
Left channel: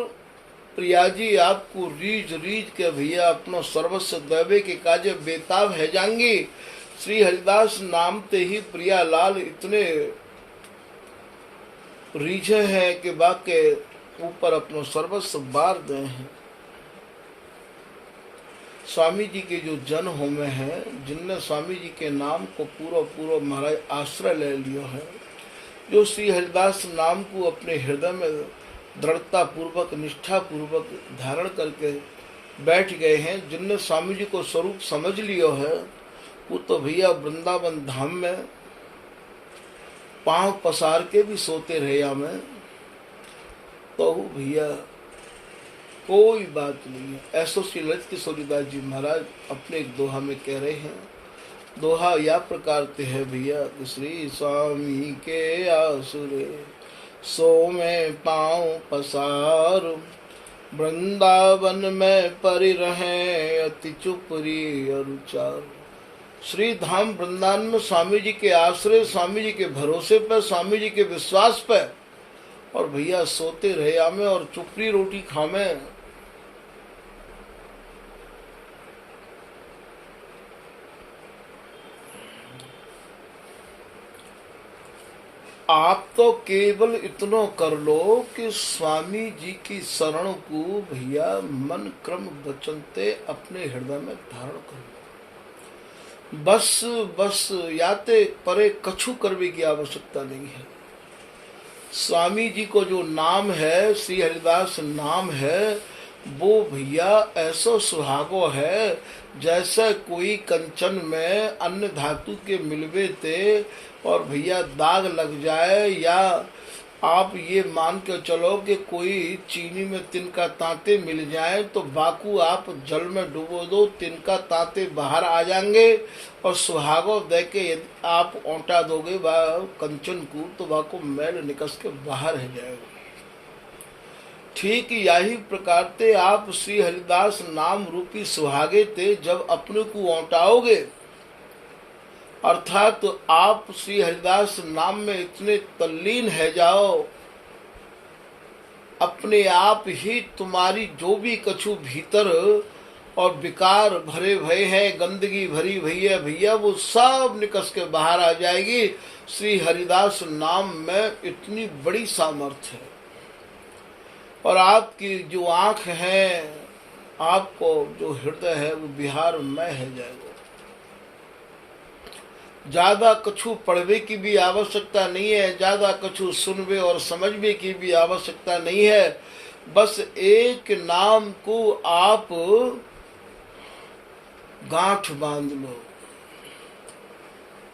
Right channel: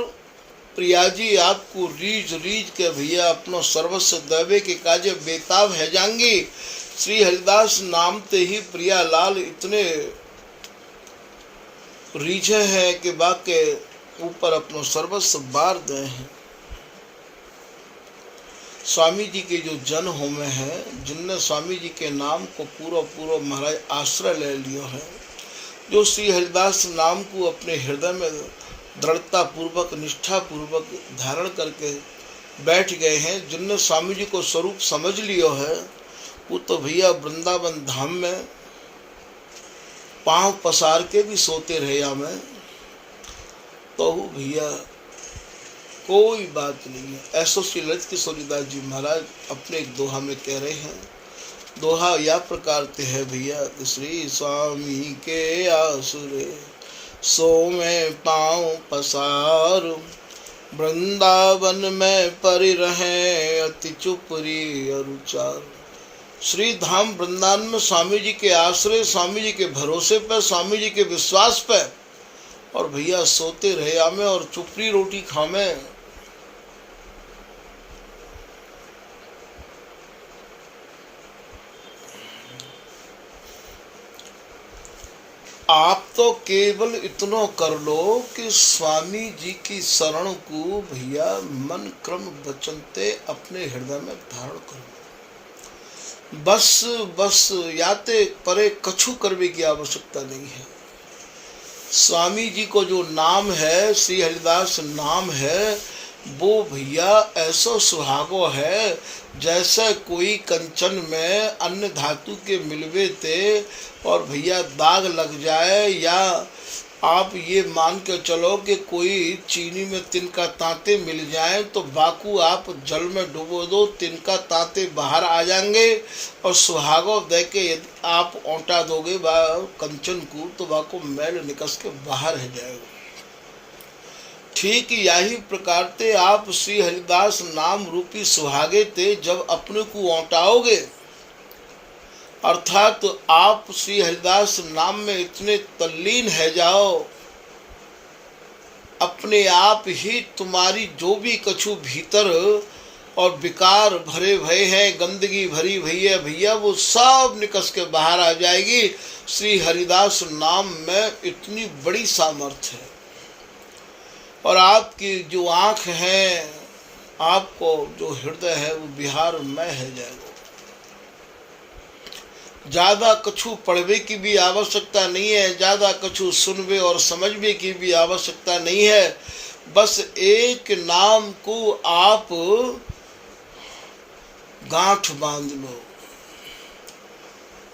प्रिया जी आपको रीझ रीझ के भैया अपनो सर्वस्व देवे के काजे बेताब है जाएंगी। श्री हरिदास नाम ते ही प्रिया लाल इतने रीझे हैं कि बाके ऊपर अपनो सर्वस्व बार दे हैं। स्वामी जी के जो जन होमे हैं, जिनने स्वामी जी के नाम को पूरा महाराज आश्रय ले लियो है, जो श्री हरिदास नाम को अपने हृदय में दृढ़ता पूर्वक निष्ठा पूर्वक धारण करके बैठ गए हैं, जिनने स्वामी जी को स्वरूप समझ लियो है, वो तो भैया वृंदावन धाम में पांव पसार के भी सोते रहे हमें, तो भैया कोई बात नहीं है। ऐसो श्री ललित किशोरी दास जी महाराज अपने एक दोहा में कह रहे हैं। दोहा या प्रकार के है भैया, श्री स्वामी के आसरे सो में पांव पसार, वृंदावन में परि रहे अति चुपरी अरुचार। श्री धाम वृंदावन में स्वामी जी के आश्रय, स्वामी जी के भरोसे पर, स्वामी जी के विश्वास पर, और भैया सोते रहे आमे और चुपड़ी रोटी खामे। आप तो केवल इतना कर लो कि स्वामी जी की शरण को भैया मन क्रम वचनते अपने हृदय में धारण कर लो। बस याते परे कछु करने की आवश्यकता नहीं है। स्वामी जी को जो नाम है, श्री हरिदास नाम है, वो भैया ऐसा सुहागो है जैसे कोई कंचन में अन्य धातु के मिलवे थे और भैया दाग लग जाए, या आप ये मान के चलो कि कोई चीनी में तिनका तांते मिल जाए तो बाकू आप जल में डुबो दो, तिनका तांते बाहर आ जाएंगे, और सुहागो दे के आप ओंटा दोगे कंचन को तो बाको मैल निकस के बाहर है जाएगा। ठीक यही प्रकार ते आप श्री हरिदास नाम रूपी सुहागे ते जब अपने को औंटाओगे, अर्थात तो आप श्री हरिदास नाम में इतने तल्लीन है जाओ, अपने आप ही तुम्हारी जो भी कछु भीतर और विकार भरे भय है, गंदगी भरी भई है भैया, वो सब निकस के बाहर आ जाएगी। श्री हरिदास नाम में इतनी बड़ी सामर्थ्य है। और आपकी जो आँख है, आपको जो हृदय है, वो बिहार में है जाएगा। ज़्यादा कछु पढ़वे की भी आवश्यकता नहीं है, ज़्यादा कछु सुनवे और समझवे की भी आवश्यकता नहीं है। बस एक नाम को आप गांठ बांध लो।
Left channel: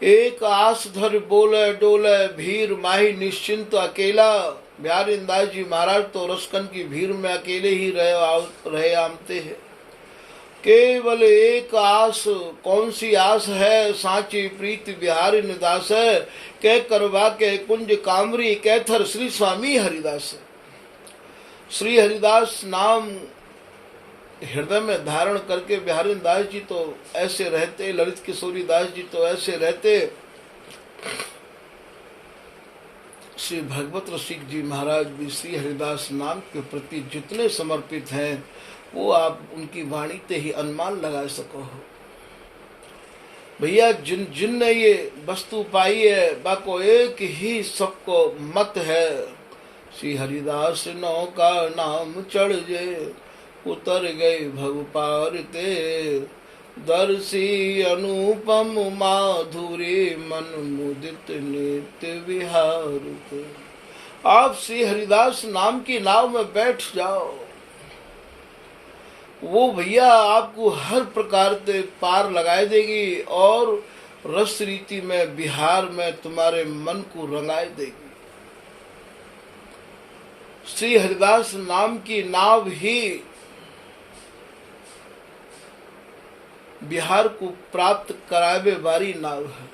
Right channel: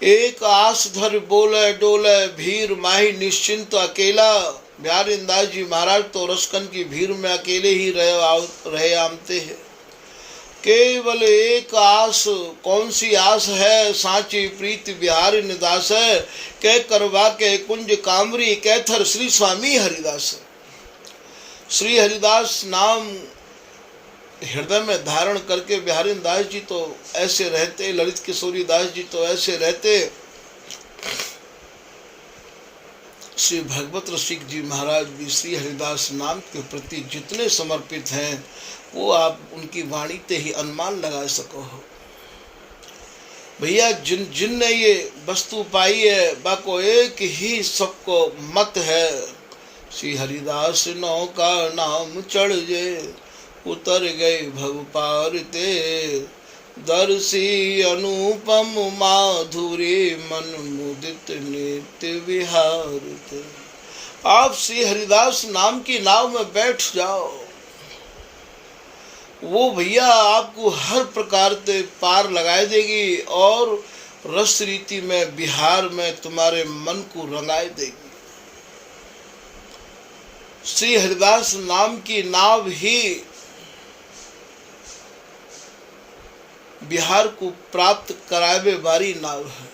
एक आस धर बोले डोले भीर माही निश्चिंत अकेला। बिहारी दास जी महाराज तो रसकन की भीड़ में अकेले ही रहे आमते हैं। केवल एक आस, कौन सी आस है, साची प्रीति बिहारी निदास है, कह करवा के कुंज कामरी कैथर श्री स्वामी हरिदास। श्री हरिदास नाम हृदय में धारण करके बिहारी दास जी तो ऐसे रहते, ललित किशोरी दास जी तो ऐसे रहते। श्री भगवत रसिक जी महाराज भी श्री हरिदास नाम के प्रति जितने समर्पित हैं, वो आप उनकी वाणी ते ही अनुमान लगा सको हो। भैया जिन ने ये वस्तु पाई है, बाको एक ही सबको मत है, श्री हरिदास नौ का नाम चढ़ जे उतर गए भव पार ते, दर्शी अनुपम माधुरी मन मुदित नित्य विहार ते। आप श्री हरिदास नाम की नाव में बैठ जाओ, वो भैया आपको हर प्रकार से पार लगाए देगी और रस रीति में बिहार में तुम्हारे मन को रंगाए देगी। श्री हरिदास नाम की नाव ही बिहार को प्राप्त करावे वाली नाव है।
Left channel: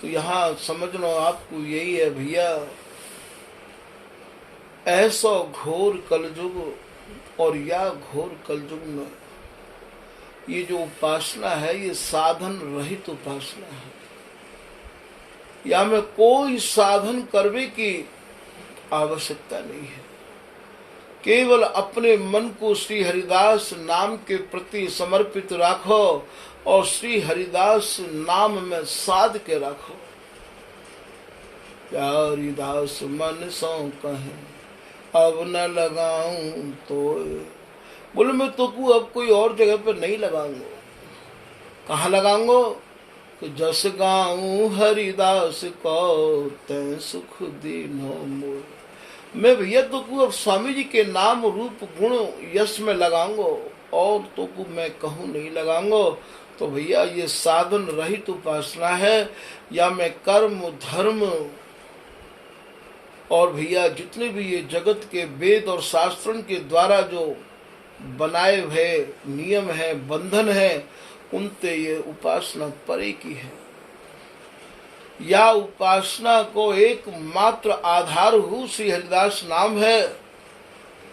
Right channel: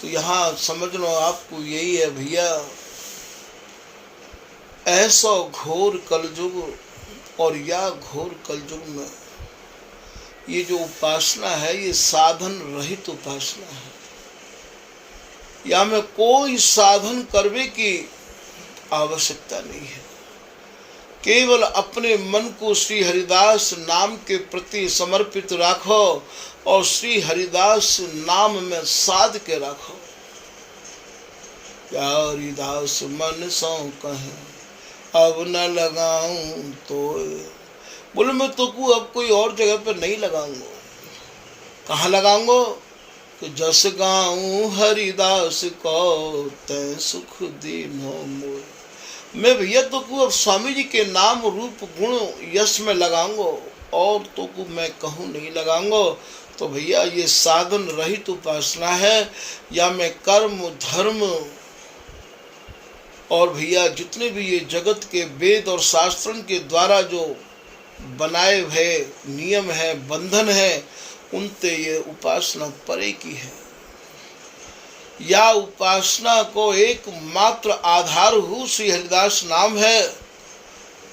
तो यहाँ समझ लो आपको यही है भैया, ऐसा घोर कलयुग और या घोर कलयुग में ये जो उपासना है ये साधन रहित उपासना है। या में कोई साधन करने की आवश्यकता नहीं है, केवल अपने मन को श्री हरिदास नाम के प्रति समर्पित रखो और श्री हरिदास नाम में साध के रखो। या हरिदास मन सौ कहे अब न लगाऊं तोड़, बोले मैं तो को अब कोई और जगह पर नहीं लगाऊंगा। कहाँ लगाऊंगा कि जस गाऊं हरिदास को तै सुख दीनो मोर। मैं भैया तो को अब स्वामी जी के नाम रूप गुण यश में लगाऊंगा और तो को मैं कहूँ नहीं लगाऊंगा। तो भैया ये साधन रहित उपासना है। या मैं कर्म धर्म और भैया जितने भी ये जगत के वेद और शास्त्रों के द्वारा जो बनाए हुए नियम है, बंधन है, उनसे ये उपासना परे की है। या उपासना को एक मात्र आधार हो श्री हरिदास नाम है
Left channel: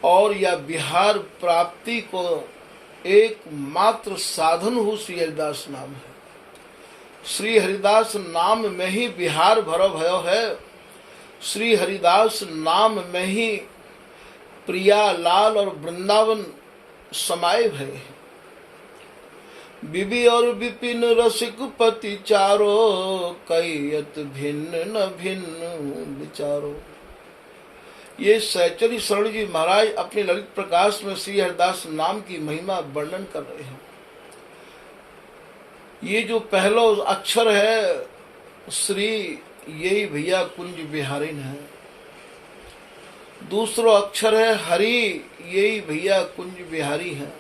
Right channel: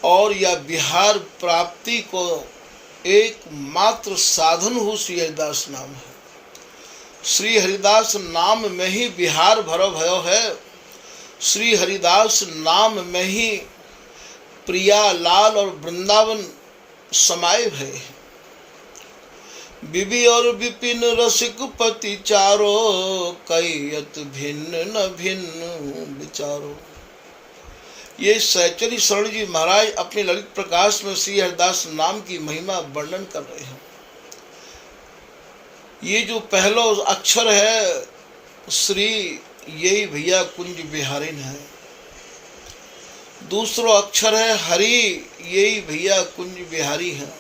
और या बिहार प्राप्ति को एक मात्र साधन हो श्री हरिदास नाम है। श्री हरिदास नाम में ही बिहार भरो भयो है। श्री हरिदास नाम में ही प्रिया लाल और वृंदावन समाये भय है। बिबी और विपिन रसिक पति चारो कैयत भिन्न न भिन्न विचारो। ये सहचरी शरण जी महाराज अपने ललित प्रकाश में श्री हरिदास नाम की महिमा वर्णन कर रहे हैं। ये जो पहला अक्षर है श्री, यही भैया कुंज बिहारिन है। दूसरा अक्षर है हरि, यही भैया कुंज बिहारी है।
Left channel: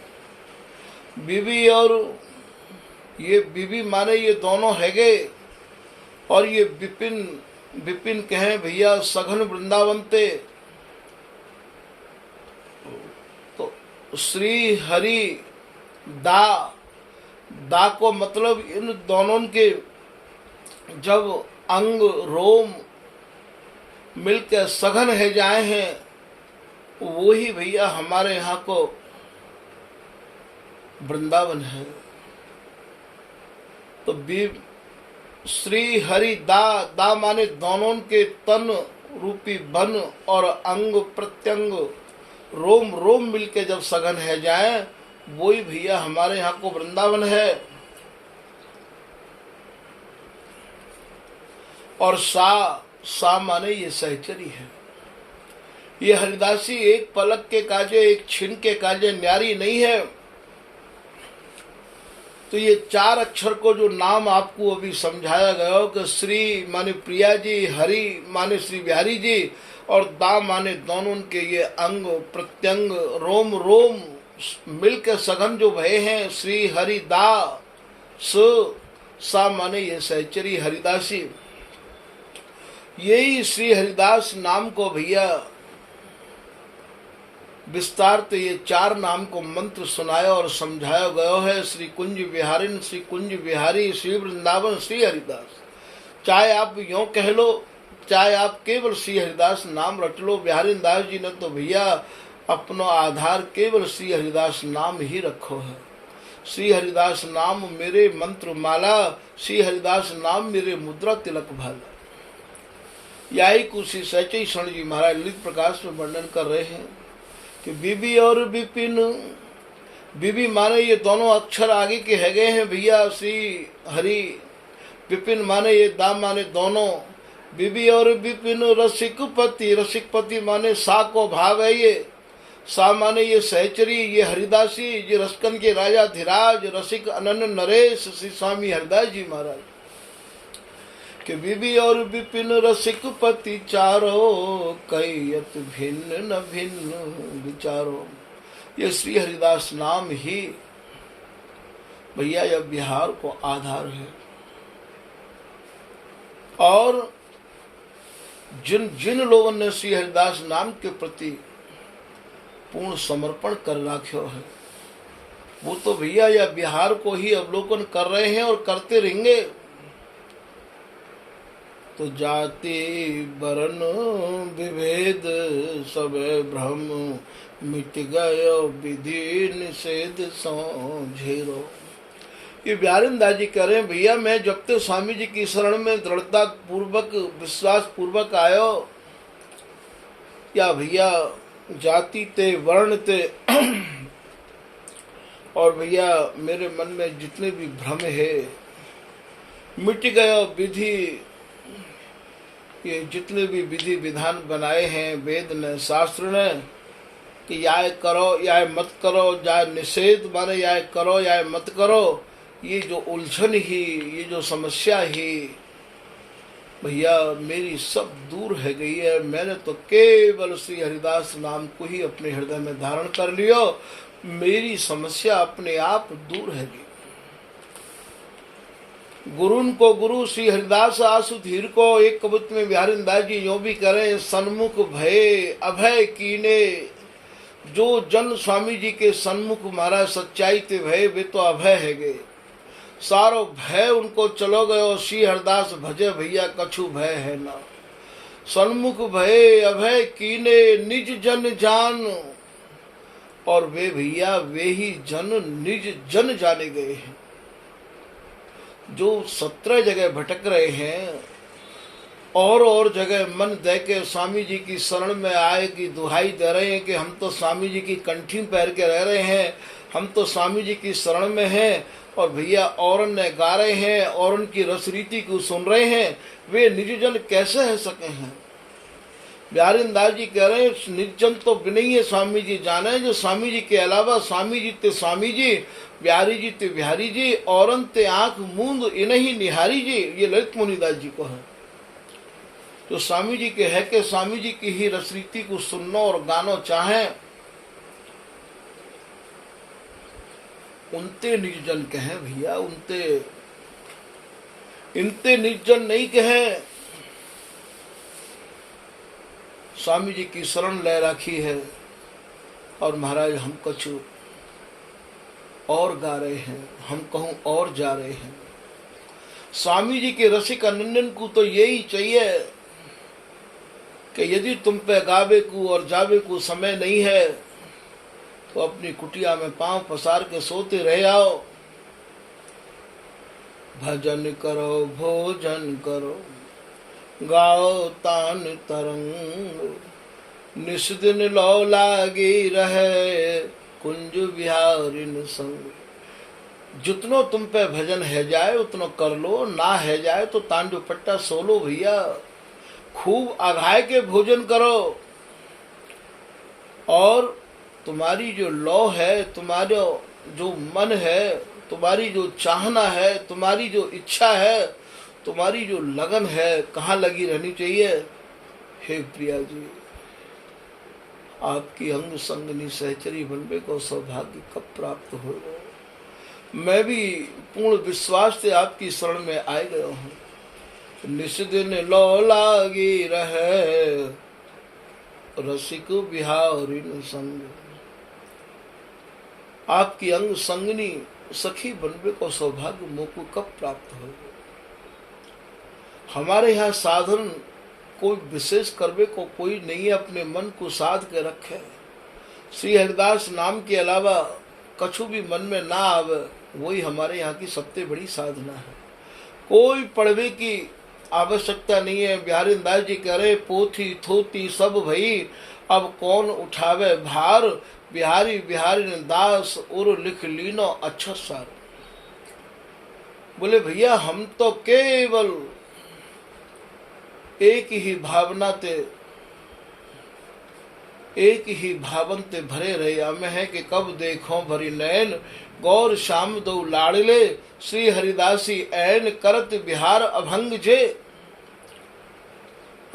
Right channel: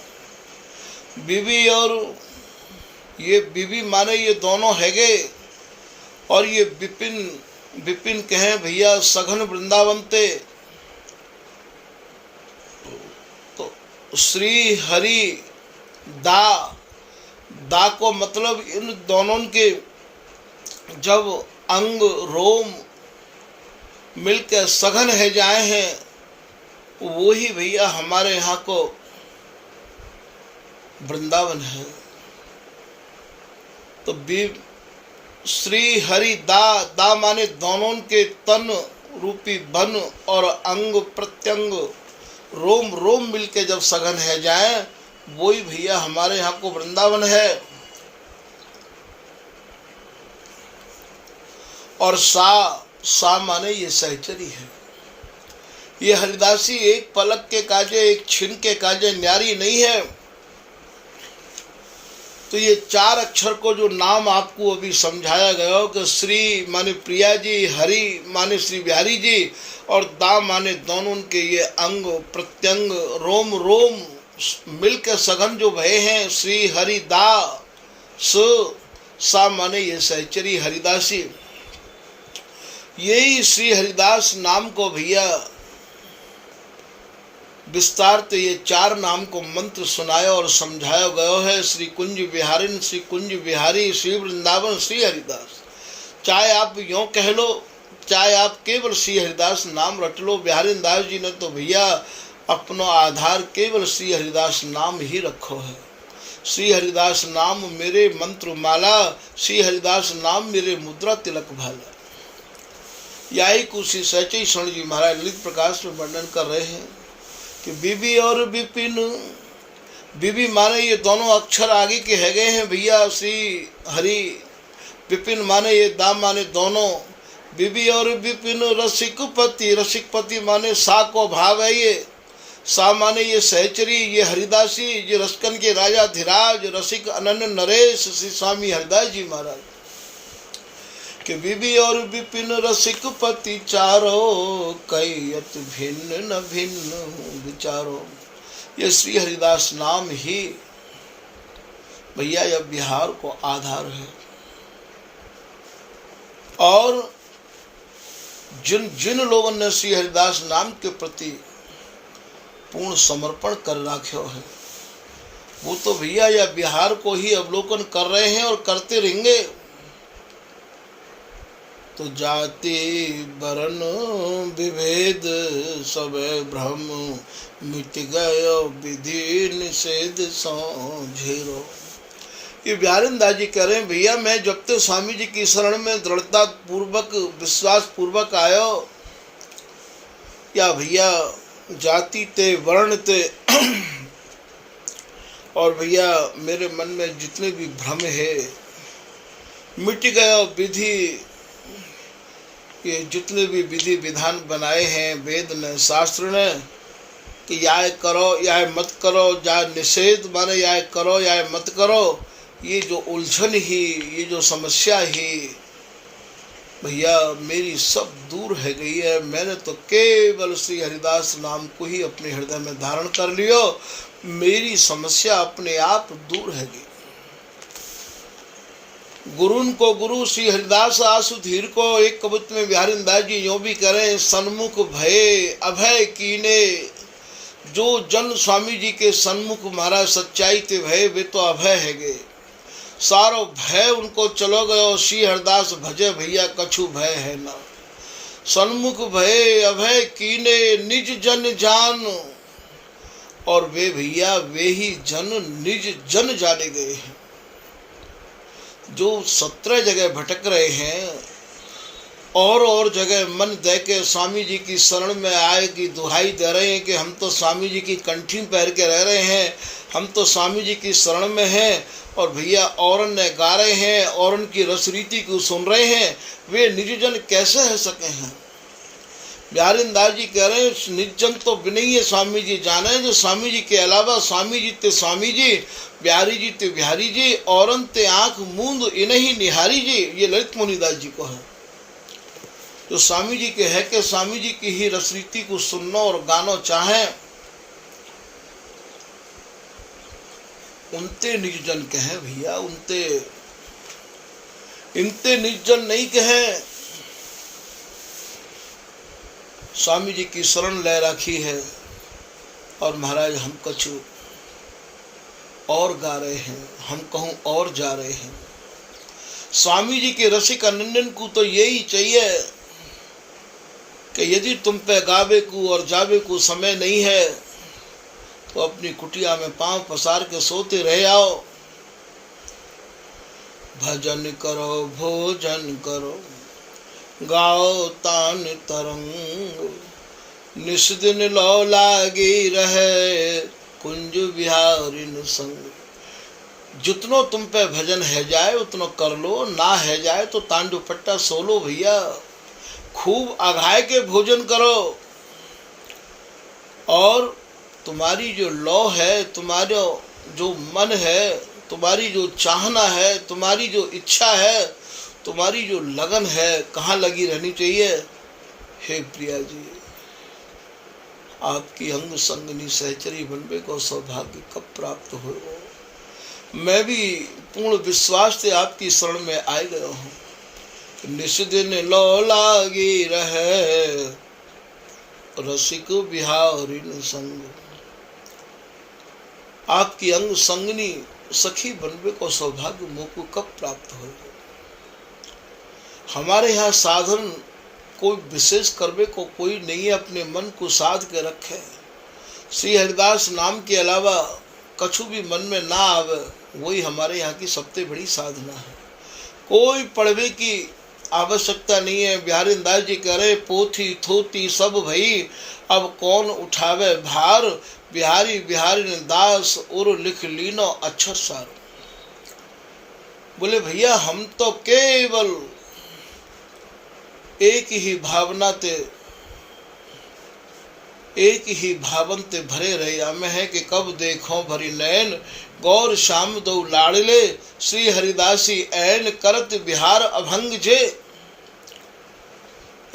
बीबी और ये बीबी माने ये दोनों हैगे और ये विपिन, विपिन कहें भैया सघन वृंदावन ते। तो श्री हरि दा को मतलब इन दोनों के जब अंग रोम मिलकर सघन है जाए हैं, वो ही भैया हमारे यहाँ को वृंदावन है। तो श्री हरि दा माने दोनों के तन रूपी बन और अंग प्रत्यंग रोम रोम मिलके जब सघन है जाए, वही भैया हमारे यहाँ को वृंदावन है। और सा माने ये सहचरी है। ये हरिदासी एक पलक के काजे, एक छिन के काजे न्यारी नहीं है। तो ये चार अक्षर को जो नाम आपको अभी समझाया गया हो कि श्री माने प्रिया जी, हरि माने श्री बिहारी जी और दा माने दोनों के ये अंग प्रत्यंग रोम रोम मिलकर सघन जो भय हैं, श्री हरि दा सा माने ये सहचरी हरिदासी। यही श्री हरिदास नाम को भैया विस्तार तो ये चार नाम को मंत्र सुनाया और समझाया गया है। श्री कुंज बिहारिन, श्री कुंज बिहारी, श्री वृंदावन, श्री हरिदास। चाहे आप यों कह लो, चाहे आप केवल श्री हरिदास नाम रट लो। बिहारी दास जी ने तो भैया अपना आधार केवल श्री हरिदास नाम ही रखो है। श्री हरिदास नाम मेरे मंत्र माला, श्री हरिदास नाम मेरे मुद्रा तिलक भाला। यही कुछ श्री सहचरी शरण जी महाराज ललित प्रकाश में वर्णन कर रहे हैं कि बीबी और विपिन, बीबी माने ये दोनों अक्षर आगे के है गए हैं भैया श्री हरि। विपिन माने ये दा माने दोनों। बीबी और विपिन रसिक पति, रसिक पति माने सा को भाव है ये। सा माने ये सहचरी, ये हरिदासी, ये रसकन के राजा धीराज, रसिक अनन्य नरेश श्री स्वामी हरिदास जी महाराज। कि विधि और विपिन रसिक पति चारो, कैयत भिन्न न भिन्न विचारो। ये श्री हरिदास नाम ही भैया यह बिहार को आधार है। और जिन जिन लोगों ने श्री हरिदास नाम के प्रति पूर्ण समर्पण कर रखो है, वो तो भैया यह बिहार को ही अवलोकन कर रहे हैं और करते रहेंगे। तो जाति वर्ण विभेद सब भ्रम, मिट गयो विधि निषेध समझेरो। ये बिहारीदास जी कह रहे हैं, भैया मैं जब तक स्वामी जी की शरण में दृढ़ता पूर्वक विश्वास पूर्वक आयो, या भैया जाति ते वर्ण ते और भैया मेरे मन में जितने भी भ्रम है मिट गया। विधि, ये जितने भी विधि विधान बनाए हैं वेद ने शास्त्र ने कि या करो या मत करो, या निषेध माने या करो या मत करो, ये जो उलझन ही, ये जो समस्या ही भैया मेरी सब दूर है गई है। मैंने तो केवल श्री हरिदास नाम को ही अपने हृदय में धारण कर लियो, मेरी समस्या अपने आप दूर है गई। गुरुन को गुरु श्री हरिदास आसु धीर को। एक कविता में बिहारीदास जी यूं भी करें, सन्मुख भय अभय कीने। जो जन स्वामी जी के सन्मुख महाराज सच्चाई ते भय, वे तो अभय है गए, सारो भय उनको चलो गयो। श्री हरिदास भजे भैया कछु भय है ना। सन्मुख भय अभय कीने निज जन जान, और वे भैया वे ही जन निज जन जाने गए हैं। जो 17 जगह भटक रहे हैं और जगह मन दे के स्वामी जी की शरण में आए की दुहाई दे रहे हैं कि हम तो स्वामी जी की कंठी पहन के रह रहे हैं, हम तो स्वामी जी की शरण में हैं, और भैया औरन ने गा रहे हैं, औरन की रसरीति को सुन रहे हैं, वे निजजन कैसे रह सके हैं। बिहारीदास जी कह रहे हैं, निजजन तो बिनैये स्वामी जी जाने, जो स्वामी जी के अलावा स्वामी जी ते स्वामी जी, बिहारी जी ते बिहारी जी, औरन ते आंख मूंद इन्हीं निहारी जी। ये ललित मुनिदास जी को है, जो स्वामी जी के है कि स्वामी जी की ही रसरीति को सुनना और गाना चाहें, उनते निर्जन कहें भैया, उनते इनते निर्जन नहीं कहें। स्वामी जी की शरण ले रखी है और महाराज हम कुछ और गा रहे हैं, हम कहूँ और जा रहे हैं। स्वामी जी के रसिक अनंदन को तो यही चाहिए कि यदि तुम पे गावे को और जावे को समय नहीं है तो अपनी कुटिया में पांव पसार के सोते रह आओ। भजन करो भोजन करो, गाओ तान तरंग, निस दिन लो लागी रहे कुंज बिहारिन संग। जितनो तुम पे भजन है जाए उतनो कर लो, ना है जाए तो तांडू पट्टा सोलो भैया। खूब अघाय के भोजन करो, और तुम्हारी जो लौ है, तुम्हारा जो मन है, तुम्हारी जो चाहना है, तुम्हारी जो इच्छा है, तुम्हारी जो लगन है, कहाँ लगी रहनी चाहिए। हे प्रिया जी, आपकी अंग संगनी सहचरी बनने को सौभाग्य कब प्राप्त हो। मैं भी पूर्ण विश्वास से आपकी शरण में आ गया हूँ। निस दिन लो लागी रहे रसिक बिहारिन संग। आपकी अंग संगनी सखी बनने को सौभाग्य मोको कब प्राप्त हो। हमारे यहाँ साधन कोई विशेष करवे को कोई नहीं है, अपने मन को साध के रखे। श्री हरिदास नाम के अलावा कछु भी मन में ना आवे, वही हमारे यहाँ की सबसे बड़ी साधना है। कोई पढ़वे की आवश्यकता नहीं है। बिहारीदास जी कह रहे, पोथी थोती सब भई, अब कौन उठावे भार। बिहारी बिहारी दास और लिख लीनो अक्षर सार। बोले भैया हम तो केवल एक ही भावना ते, एक ही भावन ते भरे रहे में है कि कब देखो भरी नैन, गौर श्याम दो लाड़ले, श्री हरिदासी ऐन करत बिहार अभंग जे।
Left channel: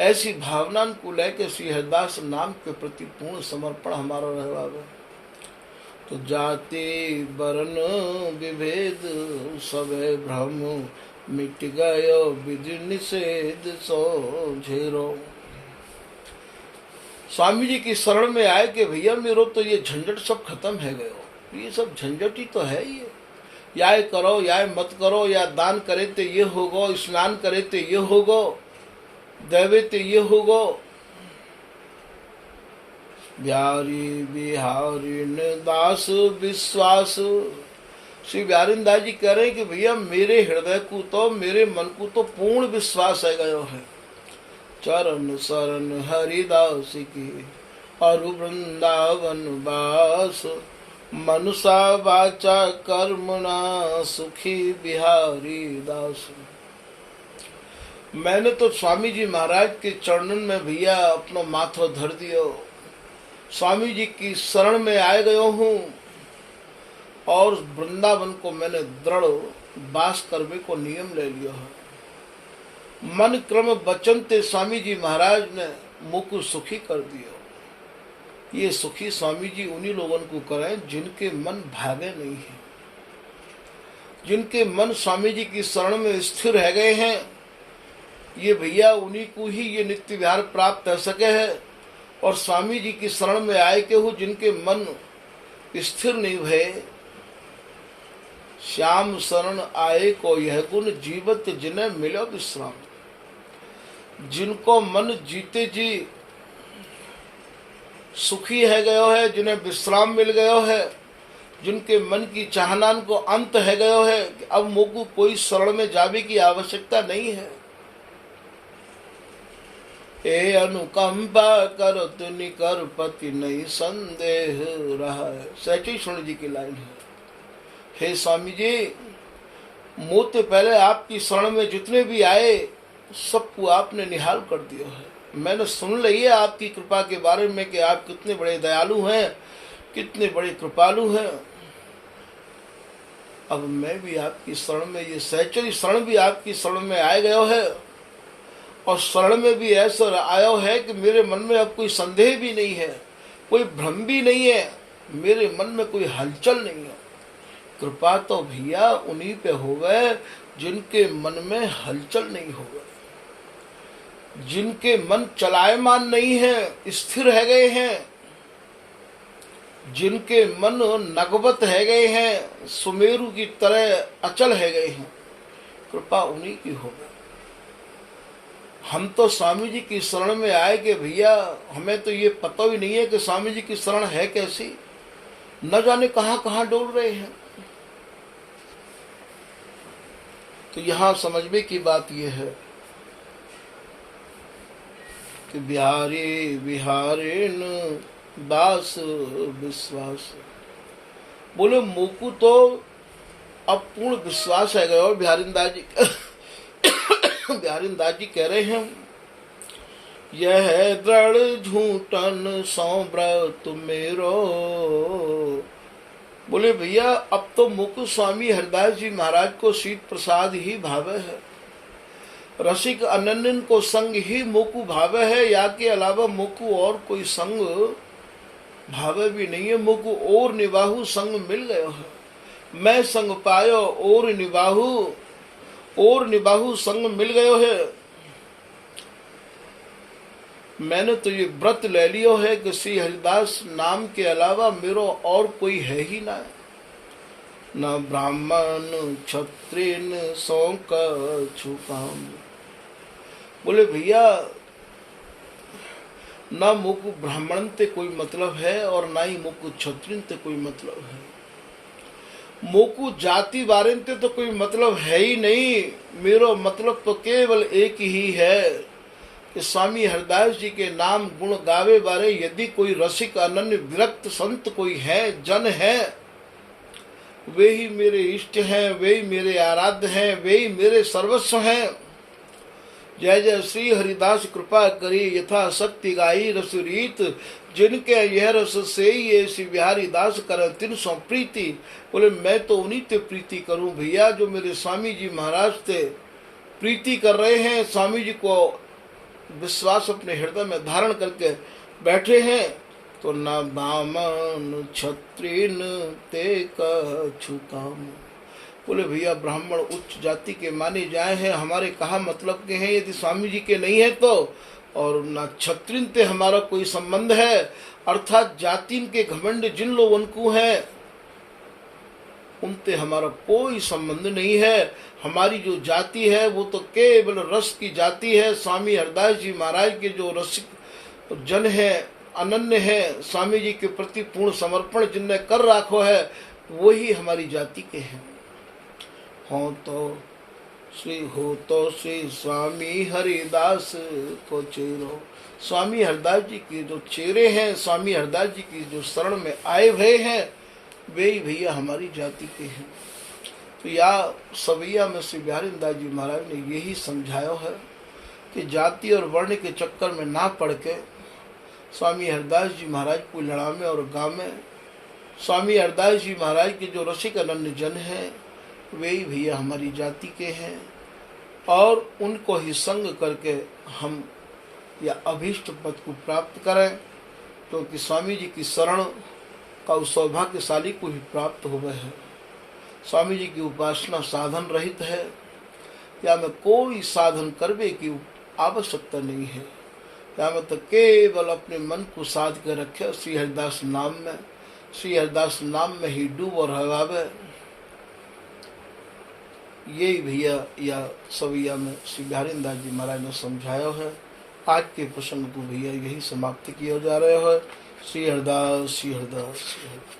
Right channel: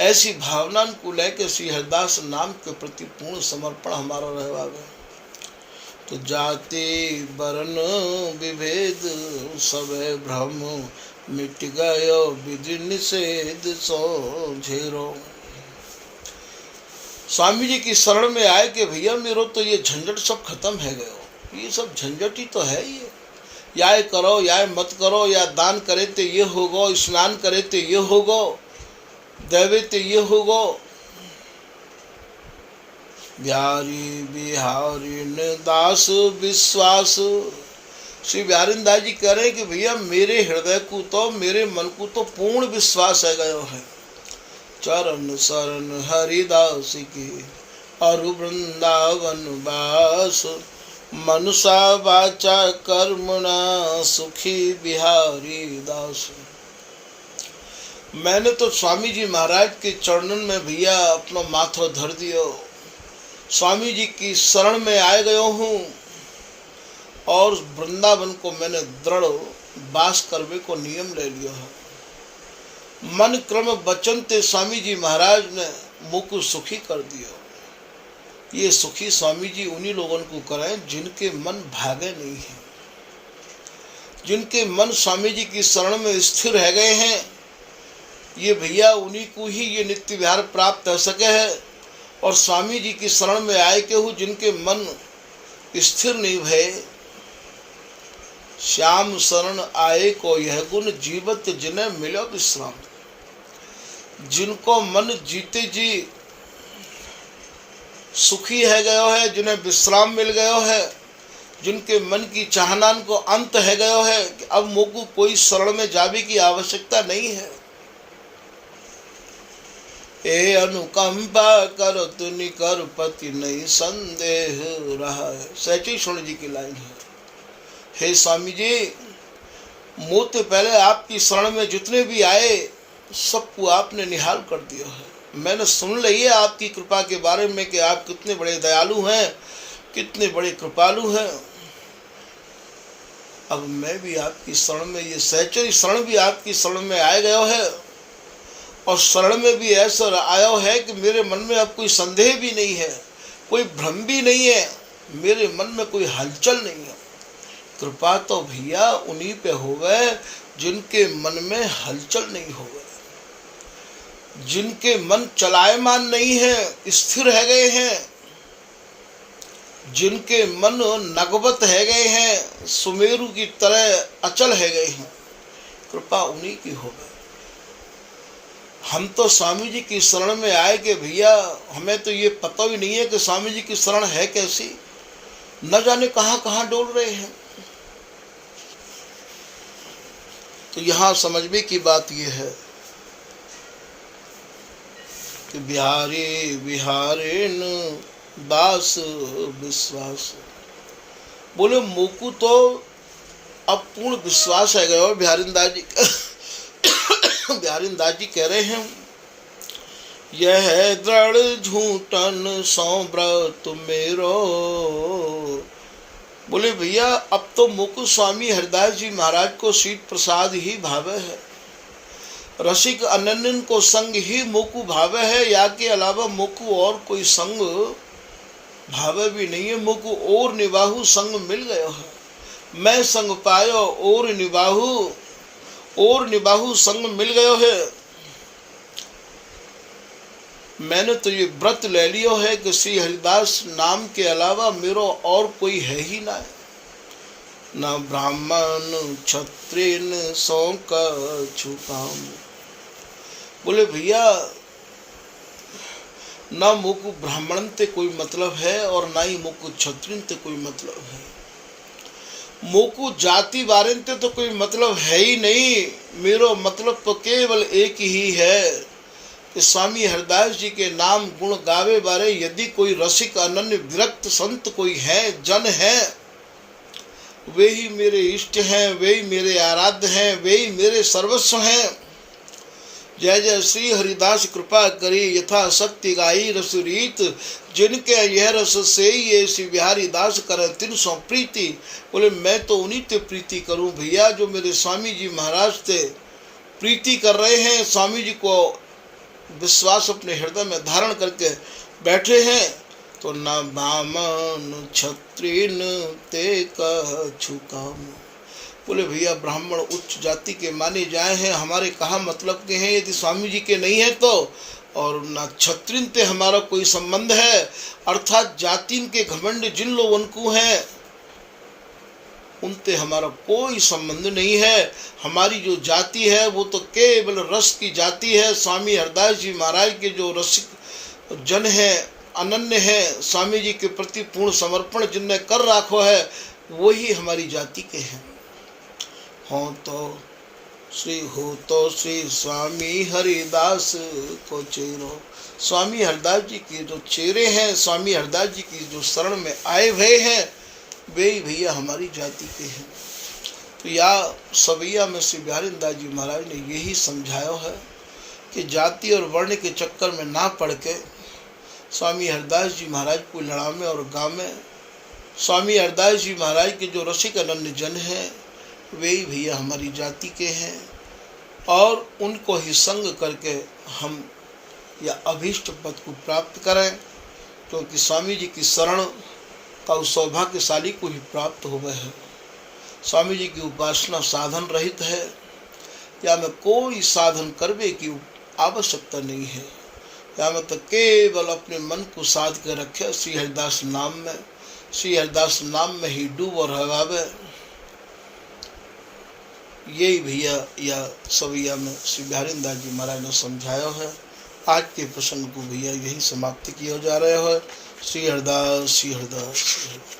ऐसी भावना को लेकर श्री हरिदास नाम के प्रति पूर्ण समर्पण हमारा रहवावे। तो जाति वर्ण विभेद सब भ्रम मिट गयो विधि निषेध सो झेरो। स्वामी जी की शरण में आए कि भैया मेरो तो ये झंझट सब खत्म है गयो। ये सब झंझट ही तो है ये, या करो या मत करो, या दान करे तो ये होगो, स्नान करे तो ये होगो, देवे तो ये होगो। बिहारी बिहारी ने दास विश्वास। श्री बिहारी दास जी कह रहे हैं कि भैया मेरे हृदय को तो, मेरे मन को तो पूर्ण विश्वास है गयो है। चरण शरण हरिदास की और वृंदावन वास, मनुषा वाचा कर्मणा सुखी बिहारी दास। मैंने तो स्वामी जी महाराज के चरणन में भैया अपना माथा धर दियो, स्वामी जी की शरण में आए गयो हूँ और वृंदावन को मैंने दृढ़ वास करने को नियम ले लिया है। मन क्रम वचन ते स्वामी जी महाराज ने मुझको सुखी कर दिया। ये सुखी स्वामी जी उन्हीं लोगों को करें जिनके मन भागे नहीं है, जिनके मन स्वामी जी की शरण में स्थिर रह गए हैं। ये भैया उन्हीं को ही ये नित्य विहार प्राप्त हो सके है। और स्वामी जी की शरण में आए के हूँ जिनके मन स्थिर नहीं भय, श्याम शरण आए को यह गुण जीवत जिन्हें मिलो विश्राम। जिनको मन जीते जी सुखी है गयो है, जिन्हें विश्राम मिल गयो है, जिनके मन की चाहनान को अंत है गयो है कि अब मोको कोई शरण में जाने की आवश्यकता नहीं है। ए अनुकंपा करो तुनि कर पति नहीं संदेह रहा है। सहचरी स्वर्ण जी की लाइन है। हे स्वामी जी, मुझसे पहले आपकी शरण में जितने भी आए सबको आपने निहाल कर दिया है। मैंने सुन ली है आपकी कृपा के बारे में कि आप कितने बड़े दयालु हैं, कितने बड़े कृपालु हैं। अब मैं भी आपकी शरण में, ये सहचरी शरण भी आपकी शरण में आए गयो है और शरण में भी ऐसा आया है कि मेरे मन में अब कोई संदेह भी नहीं है, कोई भ्रम भी नहीं है, मेरे मन में कोई हलचल नहीं है। कृपा तो भैया उन्हीं पे हो गए जिनके मन में हलचल नहीं हो गए, जिनके मन चलायमान नहीं है, स्थिर है गए हैं, जिनके मन नगवत है गए हैं, सुमेरु की तरह अचल है गए हैं। कृपा उन्हीं की हो गई। हम तो स्वामी जी की शरण में आए कि भैया हमें तो ये पता ही नहीं है कि स्वामी जी की शरण है कैसी, न जाने कहाँ कहाँ डोल रहे हैं। तो यहाँ समझने की बात ये है कि बिहारी बिहारीन दास विश्वास। बोले मोकू तो अब पूर्ण विश्वास है गया। और बिहारीदास जी कह रहे हैं, यह दृढ़ झूठन सौव्रत मेरो। बोले भैया अब तो मुकु स्वामी हरिदास जी महाराज को शीत प्रसाद ही भावे है, रसिक अनन्यन को संग ही मुकु भावे है, या के अलावा मुकु और कोई संग भावे भी नहीं है। मुकु और निबाहु संग मिल गया है, मैं संग पायो और निबाहु संग मिल गयो है। मैंने तो ये व्रत ले लियो है कि श्री हरिदास नाम के अलावा मेरो और कोई है ही ना, न ब्राह्मण क्षत्रिय सौ का छुपाम। बोले भैया ना मुकु ब्राह्मण ते कोई मतलब है और ना ही मुकु क्षत्रिय ते कोई मतलब है, मोकू जाति बारे ते तो कोई मतलब है ही नहीं। मेरो मतलब तो केवल एक ही है कि स्वामी हरिदास जी के नाम गुण गावे बारे यदि कोई रसिक अनन्य विरक्त संत कोई है, जन है, वे ही मेरे इष्ट हैं, वे ही मेरे आराध्य हैं, वे ही मेरे सर्वस्व हैं। जय जय श्री हरिदास कृपा करी यथा शक्ति गाई रस रीत, जिनके यह रस से ये श्री बिहारी दास करे तिन सौ प्रीति। बोले मैं तो उन्हीं ते प्रीति करूं भैया जो मेरे स्वामी जी महाराज ते प्रीति कर रहे हैं, स्वामी जी को विश्वास अपने हृदय में धारण करके बैठे हैं, तो न बामन क्षत्रिन ते कछु काम। बोले भैया ब्राह्मण उच्च जाति के माने जाए हैं, हमारे कहा मतलब के हैं, यदि स्वामी जी के नहीं है तो, और न क्षत्रिन ते हमारा कोई संबंध है, अर्थात जातिन के घमंड जिन लोगों को है उनसे हमारा कोई संबंध नहीं है। हमारी जो जाति है वो तो केवल रस की जाति है। स्वामी हरदास जी महाराज के जो रसिक जन है, अनन्य है, स्वामी जी के प्रति पूर्ण समर्पण जिनने कर राखो है, वही हमारी जाति के हैं। हो तो श्री स्वामी हरिदास को चेरो। स्वामी हरदास जी के जो चेहरे हैं, स्वामी हरदास जी की जो शरण में आए हुए हैं, वे ही भैया हमारी जाति के हैं। तो या सवैया में श्री बिहारी दास जी महाराज ने यही समझाया है कि जाति और वर्ण के चक्कर में ना पड़ के स्वामी हरदास जी महाराज को लड़ावे और गावे। स्वामी हरदास जी महाराज के जो रसिक अनन्य जन हैं, वे ही भैया हमारी जाति के हैं, और उनको ही संग करके हम या अभीष्ट पद को प्राप्त करें, क्योंकि स्वामी जी की शरण का उस सौभाग्यशाली को ही प्राप्त हुए है। स्वामी जी की उपासना साधन रहित है, या में कोई साधन करने की आवश्यकता नहीं है, या में तो केवल अपने मन को साध कर रखे श्री हरिदास नाम में, श्री हरिदास नाम में ही डूब और हवावे। यही भैया या सवैया में श्री बिहारी दास जी महाराज ने समझाया है। आज के प्रसंग को भैया यही समाप्त किया जा रहा है। श्री हरदास, श्री हरदास, श्री हरदास।